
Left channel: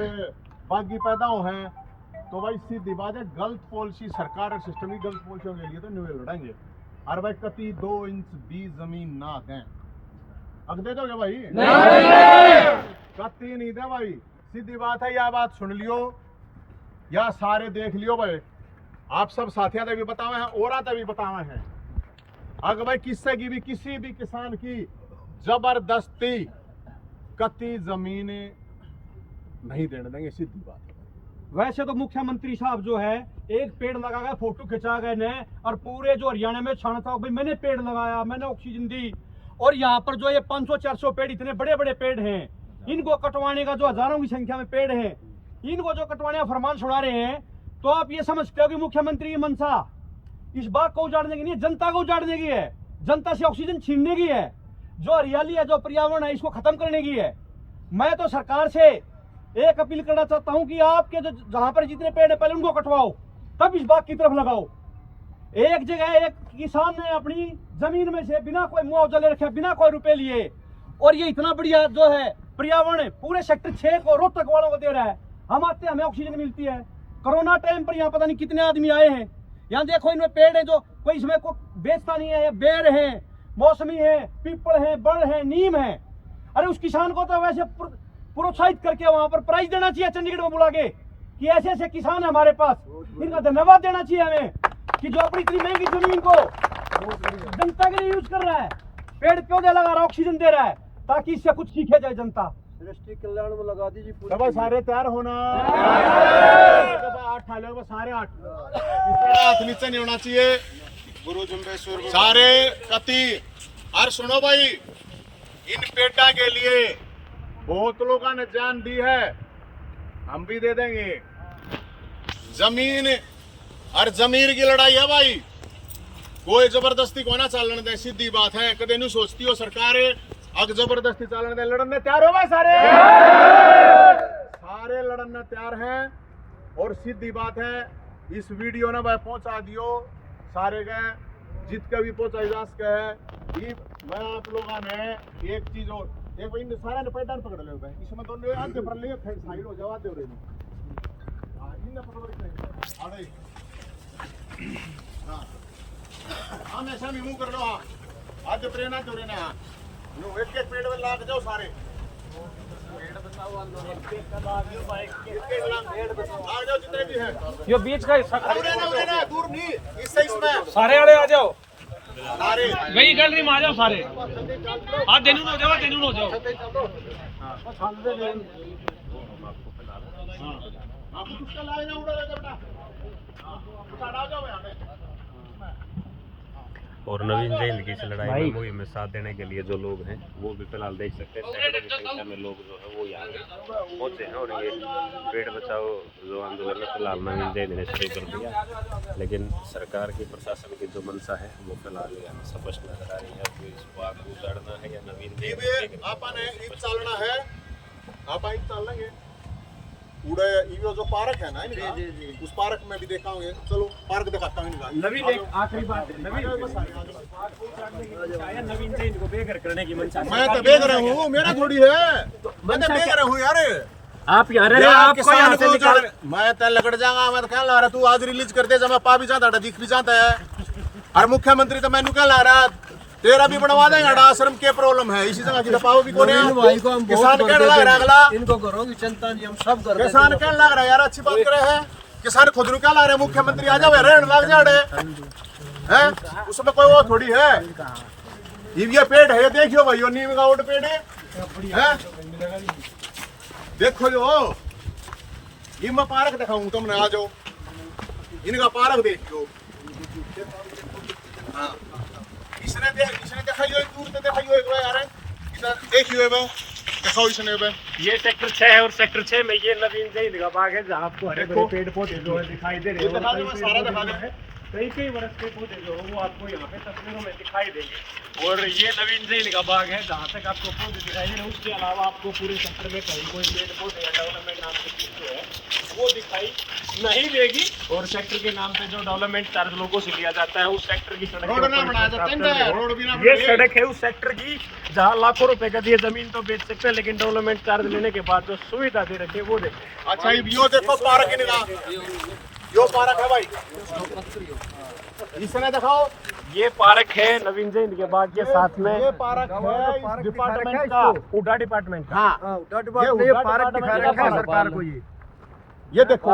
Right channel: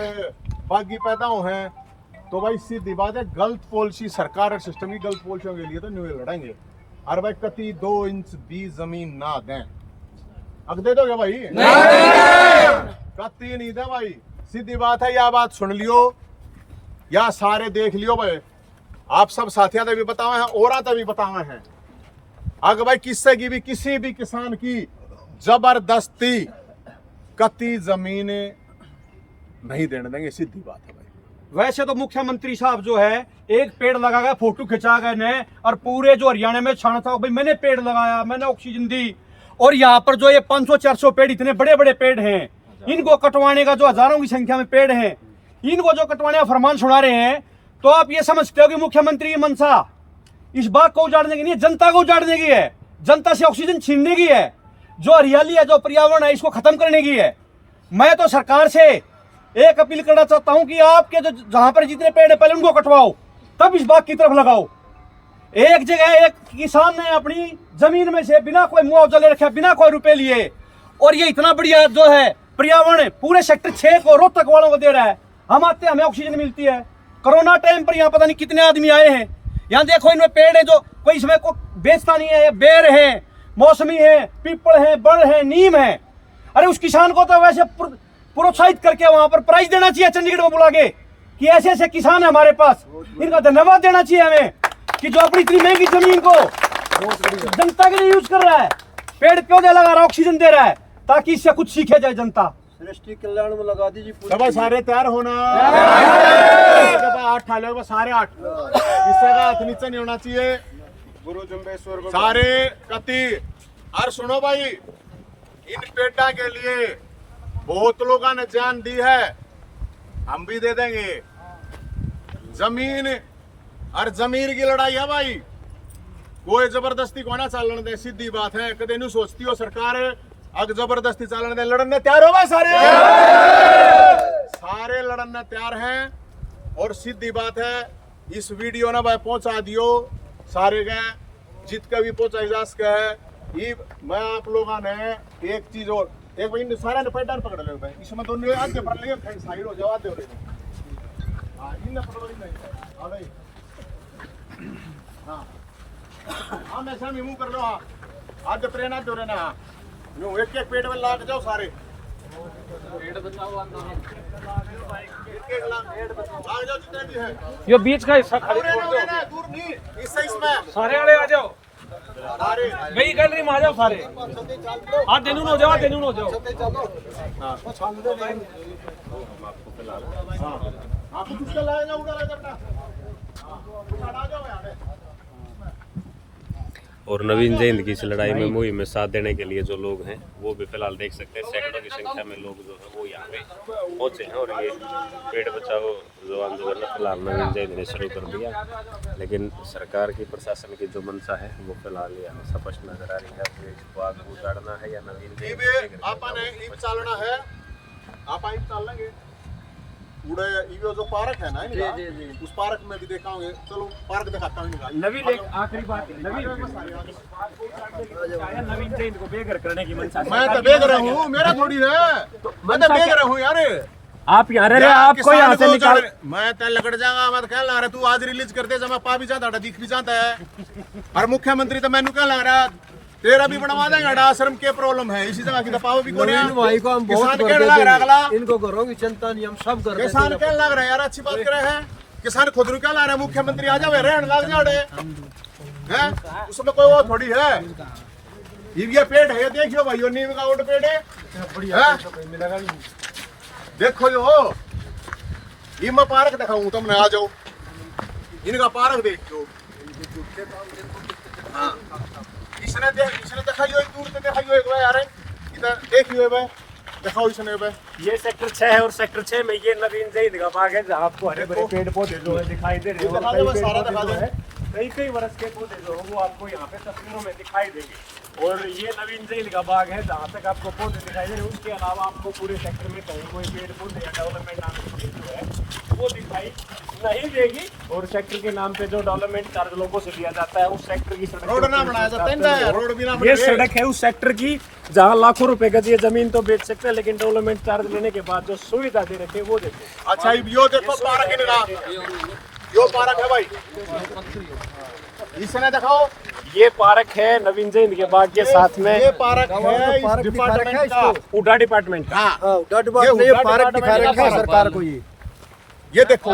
बागी पैदा हो हैं तो भाई सीधी बात है गलत पॉलिसी सरकार और सिस्टम की गलत पॉलिसियों के लिए तो न्यू लड़ेंगे। और भाई कति 2 इंच भी जमीन ना दें, अब दे दोगे भाई? नहीं कति नहीं दे भाई, सीधी बात है। या बात सुन लियो या सारे देख लियो भाई, आप सब साथियों ने भी बताए हैं और भी बताए हैं, अगर भाई किससे की भी किसी भी किसान की जबरदस्ती कति जमीन नहीं देने देंगे, सीधी बात है भाई। वैसे तो मुख्यमंत्री साहब जो है एक पेड़ लगा गए, फोटो खिंचा गए ने और पूरे जो हरियाणा में छाना था भाई मैंने पेड़ लगाया, मैंने ऑक्सीजन दी। और यहाँ पर जो ये 500-400 पेड़ इतने बड़े बड़े पेड़ हैं, इनको कटवाने का जो हजारों की संख्या में पेड़ हैं, इनको जो कटवाने का फरमान सुना रहे हैं, तो आप ये समझते हो कि मुख्यमंत्री की मंशा इस बाग को उजाड़ने की नहीं है, जनता को उजाड़ने की है, जनता से ऑक्सीजन छीनने की है, जो हरियाली है, जो पर्यावरण है, इसको खत्म करने की है। मैं तो सरकार से एक अपील करना चाहता हूं कि आपके जो जहां पर जितने पेड़ है पहले उनको कटवाओ, तब इस बाग की तरफ लगाओ। एक जगह एक किसान ने अपनी जमीन में से बिना कोई मुआवजा ले रखा, बिना कोई रुपए लिए, और ये इतना बढ़िया जो है पर्यावरण पूरे सेक्टर 6 को रोहतक वालों को दे रहा है। हम आते हैं, हमें ऑक्सीजन मिलती है। कोरोना टाइम पर यहाँ पता नहीं कितने आदमी आए हैं। यहाँ देखो इनमें पेड़ है जो कोई इसमें को बेचता नहीं है, बेर है, मौसमी है, पीपल है, बड़ है, नीम है। अरे उस किसान को तो वैसे प्रोत्साहित करके वहां पर प्राइज देना चाहिए, चंडीगढ़ में बुला के कि ऐसे ऐसे किसान है हमारे पास, इनका धन्यवाद देना चाहिए हमें कि जो अपनी इतनी महंगी जमीन को जनता के लिए यूज कर रहा है, पेड़ पौधे लगा रहा है, ऑक्सीजन दे रहा है, ताकि इससे कुछ सीखे जाए जनता। सृष्टि कल्याण में लगा दीजिए। सब सारे तैयार होना, 8 ठाले होगा, सारे 8, इससे का हाथ नीचे नहीं होना चाहिए। गुरु जुम्बेश्वर सारे कति। और सुनो भाई, इन पेड़ा के लिए बहुत लोगों ने जान दी है, हम भी दे देंगे। जमीन और जमीर की लड़ाई है भाई, कोई जबरदस्ती को ना चलने दे, सीधी बात है। कदे नहीं सोचती हो सरकार अगर जबरदस्ती चलने दे, लड़ने तैयार हो भाई सारे लड़ने तैयार हैं। और सीधी बात है, इस वीडियो ना भाई पहुंचा दियो सारे के, जित के भी पहुंचाई जा सके है। ये मैं आप लोगों ने एक चीज और, एक भाई सारे ने पैटर्न पकड़ ले भाई, इसमें दोनों आगे पर ले साइड हो जाओ, आते हो रहे। हां इन पकड़ो, इन आ गई। हाँ हाँ ऐसा भी मुंह कर लो। हाँ आज प्रेरणा दो रहे ना, यूं एक एक पेट में लाग जाओ सारे, लाग जाओ जितने भी हैं। ये बीच का हिस्सा दूर नहीं, इससे इसमें सारे आड़े आ जाओ, सारे वही गैलरी में आ जाओ सारे। आप देनू हो जाओ, देनू हो जाओ। हाँ कुछ उसका लाए ना, उड़ा ले बेटा, आ जाओ यहाँ पे। और नवीन जयंत की इस लड़ाई में मुहिम में साथ देने के लिए जो लोग हैं वो भी फिलहाल देख सकते हैं, सैकड़ों की संख्या में लोग जो है वो यहाँ पे पहुंचे हैं। और ये पेड़ बचाओ जो आंदोलन है फिलहाल नवीन जयंत ने शुरू कर दिया, लेकिन सरकार की प्रशासन की जो मंशा है वो फिलहाल यहाँ स्पष्ट नजर आ रही है। तो इस बाग को उजाड़ना है या नवीन जयंत आपने ईद चालना है, आप ईद चाल लेंगे। उड़े ये जो पार्क है ना इनका, उस पार्क में भी देखा होंगे, चलो पार्क दिखाता हूँ इनका। नवीन एक आखिरी बात है, नवीन जयंत को बेघर करने की मंशा। मैं तो बेघर हूँ, मेरा थोड़ी है, मैं तो बेघर हूँ यार। आप यहाँ रहे, आपको यहाँ से निकाल, मैं तो लगड़ जाऊंगा। मैं तो क्या ला रहा, तू आज रिलीज कर दे, जब मैं पा भी जाता दिख भी जाता है। और मुख्यमंत्री तो मैनू क्या ला रहा, तेरा भी बनवा देंगे। आश्रम के प्रॉब्लम है, इसी जगह की दफाओ भी कौन है, किसान कहने लग रहा है अगला, इनको घरों की चिंता नहीं, हम सब कर किसान कहने लग रहा है यार, अच्छी बात करे है। किसान खुद रू क्या ला रहे, मुख्यमंत्री आ जाओ रहने लग जाए हैं, उसमें कोई वो थोड़ी है। ये पेड़ है, ये देखियो भाई, नीम का ओट पेड़ है, देखो जो ये मैं पार्क दिखाऊं तुमने, आ जाओ इनका पार्क देखो। हाँ इसने दिखाइयो, दूर से दिखाइयो एक बार यार, देखियो बे, दिखाओ इसने बे। ये सेक्टर 6 है और सेक्टर 6 में ये नवीन जयंत का बाग है, जहाँ आपको हरे भरे पेड़ पौधे जो है दिखाई दे रहे हैं। और कई पेड़ पौधे जो है कई वर्ष के पौधे जो है वो आपको यहाँ पे तस्वीरों में दिखाई देंगे। और ये नवीन जयंत का बाग है, जहाँ तक आपको पौधे दिखाई दे रहे हैं। उसके अलावा आपको पूरे सेक्टर में कहीं कोई पेड़ पौधे डेवलपमेंट नाम की चीज जो है वो दिखाई नहीं देगी। और सेक्टर के नाम पे जो डेवलपमेंट चार्ज लोगों से लिया जाता है, उस सेक्टर की सड़क रोड ना बनाया जाता है, रोड भी ना ये सड़क है उस सेक्टर की जहाँ लाखों रुपए का ये जमीन तो बेच सकते हैं, लेकिन डेवलपमेंट चार्ज लेने के बाद जो सुविधा दे रखे वो देखे। अच्छा यो देखो पार्क इनका, यो पार्क है भाई, इसने देखो ये पार्क है नवीन जयंत के बाग के साथ में। ये पार्क है इस डिपार्टमेंट का, उडा डिपार्टमेंट का। हाँ ये पार्क दिखा रखा है सरकार को। ये देखो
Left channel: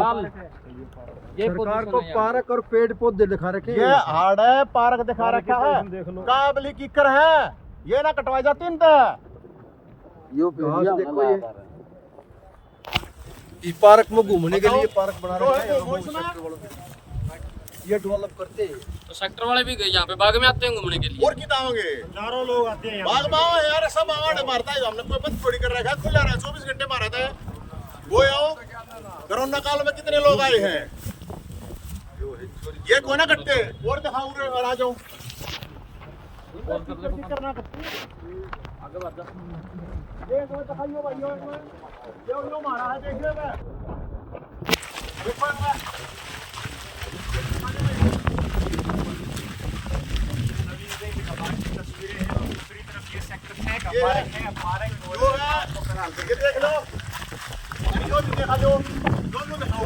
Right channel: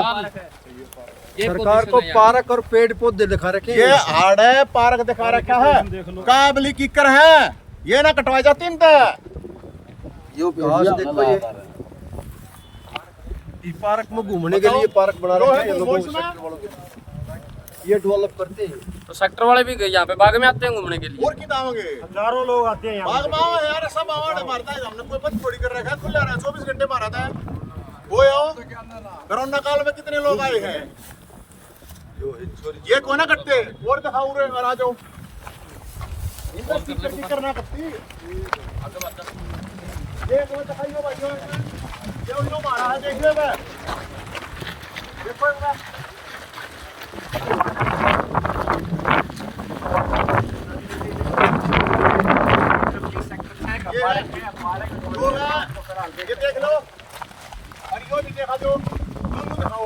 सरकार को पार्क और पेड़ पौधे दिखा रखे हैं। ये हाड़ है, पार्क दिखा रखा है, काबली कीकर है, ये ना कटवाई जाती इनका। ये घास देखो, ये इस पार्क में घूमने के लिए पार्क बना रखा है लोगों को, ये डेवलप करते हैं। तो सेक्टर वाले भी यहाँ पे बाग में आते हैं घूमने के लिए। और कितना होंगे, हजारों लोग आते हैं बाग माओ यार, सब आवाड़ मारता है, हमने कोई बंद थोड़ी कर रखा है, खुला रहा है 24 घंटे मारा था। वो आओ कोरोना काल में कितने लोग आए हैं, ये कौन करते और दिखाओ रे और आ जाओ फिक्र ना करती आगे बढ़ जा ये तो दिखाइयो भाइयों ये लो मारा है देखिए बे देखो ये देख लो और भी देखा जो दोनों दिखाओ।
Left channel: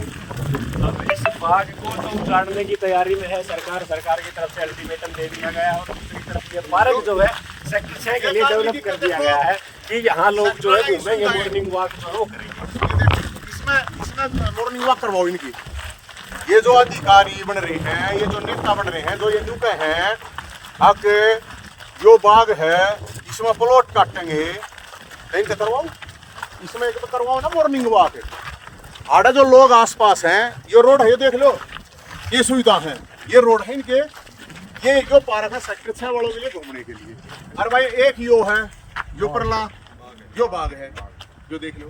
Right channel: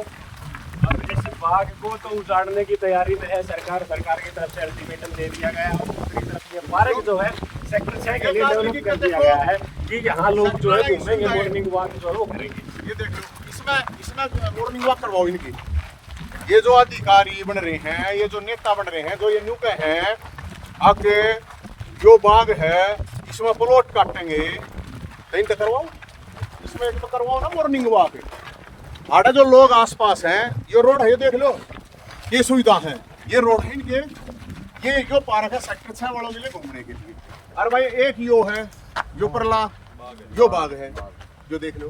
इस बाग को तो उजाड़ने की तैयारी में है सरकार की तरफ से अल्टीमेटम दे दिया गया और दूसरी तरफ ये पार्क जो है सेक्टर 6 के लिए डेवलप कर दिया गया है कि यहाँ लोग जो है घूमेंगे, मॉर्निंग वॉक जो है वो करेंगे। ये देखो इसमें मॉर्निंग वॉक करवाओ इनकी। ये जो अधिकारी बन रहे हैं, ये जो नेता बन रहे हैं, जो ये न्यूके हैं आके जो बाग है इसमें प्लॉट काटेंगे तो इनका करवाओ, इसमें एक तो करवाओ ना मॉर्निंग वॉक। आड़ा जो लोग आसपास हैं, ये रोड है ये देख लो, ये सुविधा है, ये रोड है इनके, ये जो पार्क है सेक्टर 6 वालों के लिए घूमने के लिए। अरे भाई एक यो है जो परला जो बाग है जो देख लो,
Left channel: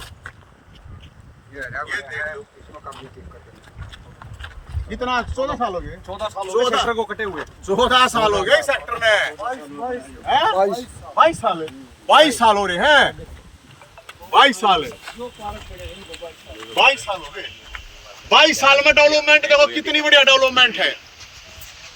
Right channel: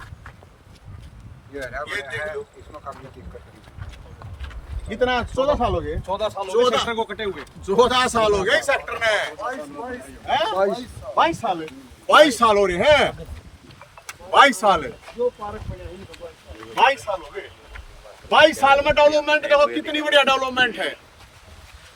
ये देख लो कितना 14 साल हो गए, 14 साल हो गए सेक्टर को कटे हुए, 14 साल हो गए इस सेक्टर में, 22 साल 22 साल हो रहे हैं, 22 साल 22 साल हो गए। 22 साल में डेवलपमेंट देखो कितनी बढ़िया डेवलपमेंट है।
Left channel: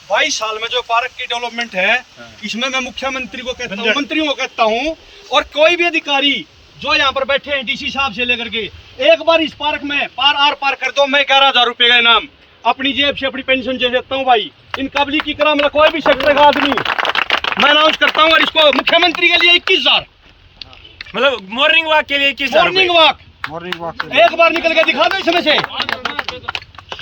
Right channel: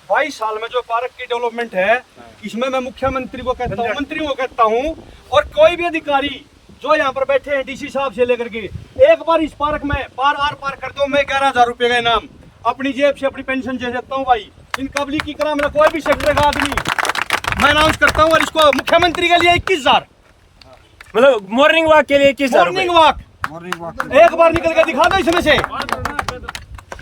22 साल में जो पार्क की डेवलपमेंट है, इसमें मैं मुख्यमंत्री को कहता हूँ, मंत्रियों को कहता हूँ और कोई भी अधिकारी जो यहाँ पर बैठे हैं डीसी साहब से लेकर के, एक बार इस पार्क में पार कर दो, मैं 11,000 रुपए का इनाम अपनी जेब से अपनी पेंशन दे देता हूँ भाई। इन कबली की तरह मेरा कोई भी सेक्टर का आदमी मैं अनाउंस करता हूँ और इसको मुख्यमंत्री के लिए 21,000 मतलब मॉर्निंग वॉक के लिए 21 मॉर्निंग वॉक एक बार निकल के दिखा दो इसमें से।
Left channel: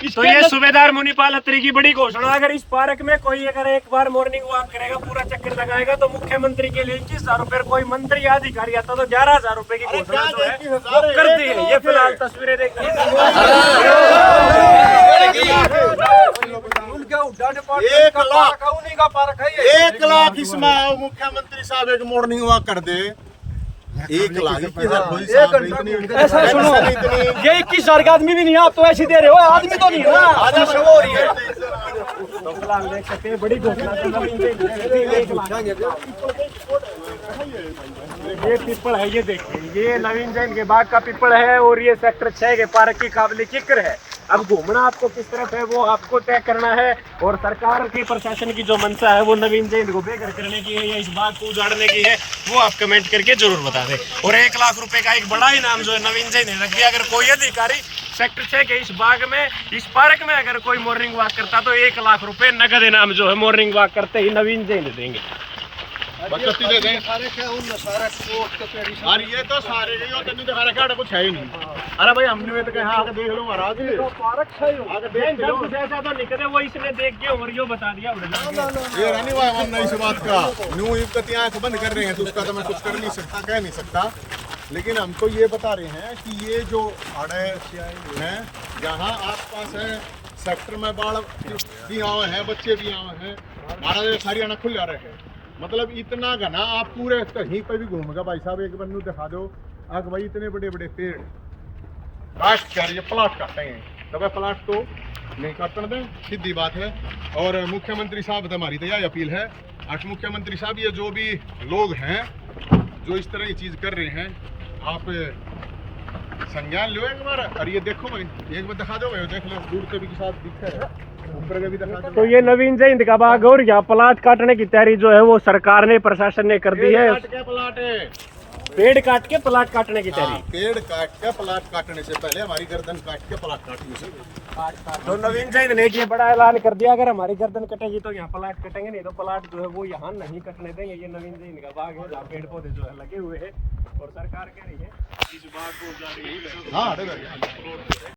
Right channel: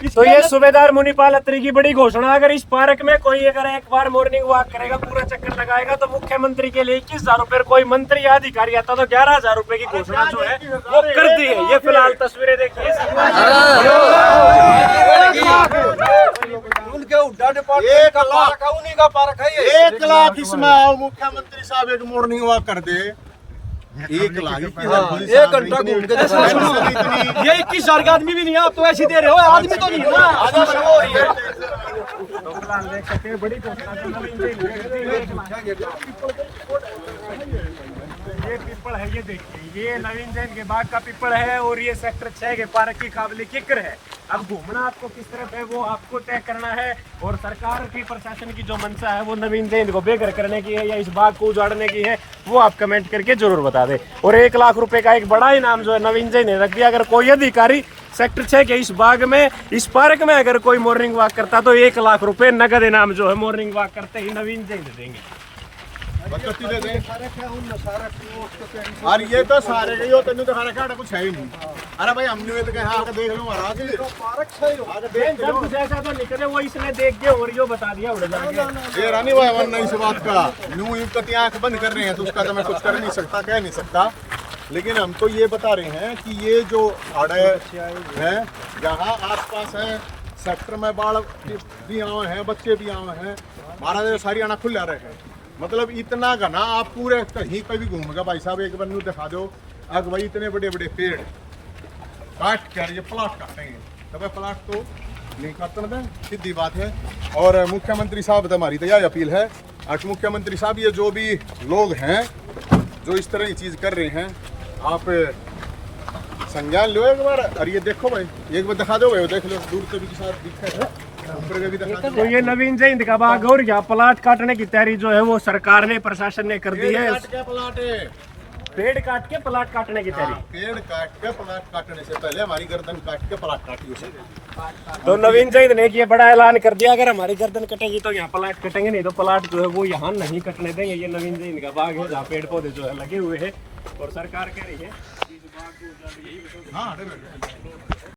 तो ये सूबेदार मुनीपाल अत्री की बड़ी घोषणा, अगर इस पार्क में कोई अगर एक बार मॉर्निंग वॉक करेगा, पूरा चक्कर लगाएगा तो मुख्यमंत्री के लिए 21,000 रुपए, कोई मंत्री या अधिकारी आता तो 11,000 रुपए की घोषणा जो है वो कर दी है। ये फिलहाल तस्वीरें देखिए, 1 लाख इसमें आओ मुख्यमंत्री साहब एक मॉर्निंग वॉक कर दे, 1 लाख ये 21,000 का आदमी भी नहीं, आप तो ऐसे दे रहे हो, आदमी तो नहीं हो ना। देख सकते हैं बड़ी घोषणा ये पीपल है, ये देखिए ये नवीन जैन के बाग का पीपल है और ये सेक्टर 6 के पार्क की काबिल जिक्र है। अब घूमना आपको किस तरफ है वो आपको तय करना है और सरकार की प्रशासन की जो मंशा है वो नवीन जैन को बेघर करने की है या इस बाग को उजाड़ने की है, वो आप कमेंट करके जरूर बता दें। और 1 लाख रुपए का एक बड़ा इनाम जो है नवीन जैन ने रख दिया, अगर कोई अधिकारी सेक्टर 6 के इस बाग में इस पार्क में अगर कोई मॉर्निंग वॉक करता तो 1 लाख रुपए नगद इनाम जो है मॉर्निंग वॉक करते ही नवीन जैन देंगे। बचती दे दें। और ये तो सारे यो तेन दिखा रखा कुछ है ही नहीं। अरे भाई हमने तो कहा आके देख लो महाराज, आके देख लो कुछ ऐसा तो निकले वो इसने देख के और यो बता दिया ये रानी भाई वरना इस बात का न्यू युक्त आंख बंद कर रहे हैं तो उसका तो मैं कुछ कर नहीं सकता, कह नहीं सकता। लेकिन हमको ये बता रहे हैं कि ये जो आड़े हैं जहाँ आसपास हैं सेक्टर में बाढ़ भी आए हैं, बच्चे भी आए हैं, महाराज हरियाणा खुल रहे हैं, मतलब इतना घना आप पूरे कहीं पे भी घूमेगा भाई साहब। एक बार दिखा दो अग भाई इतने बड़े बड़े पेड़ काट क्या ये प्लाट काटते हैं, तब प्लाट तो नहीं काटने दें, सीधी बात है। और मुख्यमंत्री साहब से हमारी तो यह अपील है, आज मुख्यमंत्री साहब ये जो भी लोग हैं जो इस तरह की चीज़ कर रहे हैं आप संज्ञान लो एक बार। और ये देखो भाई एक बार दिखा दो भाई, देख लो दूर से भी के साथ दिखता है, ऊपर का भी दिखा दो। तो ये नवीन जैन का बाग और यहाँ प्लाट काटने की तैयारी जो है वो सरकार ने प्रशासन ने कर दी है। पेड़ काट के प्लाट काटने की तैयारी, पेड़ काट के प्लाट काटने से पहले हमारी गर्दन काट के प्लाट काटी उसे। तो नवीन जैन ने ये बड़ा ऐलान कर दिया, अगर हमारी गर्दन कटेगी तो यहाँ प्लाट कटेंगे, नहीं तो प्लाट जो है वो यहाँ नहीं कटने देंगे। ये नवीन जैन का बाग है जहाँ पेड़ पौधे जो है लगे हुए हैं और सरकार कह रही है इस बाग को उजाड़ रही है।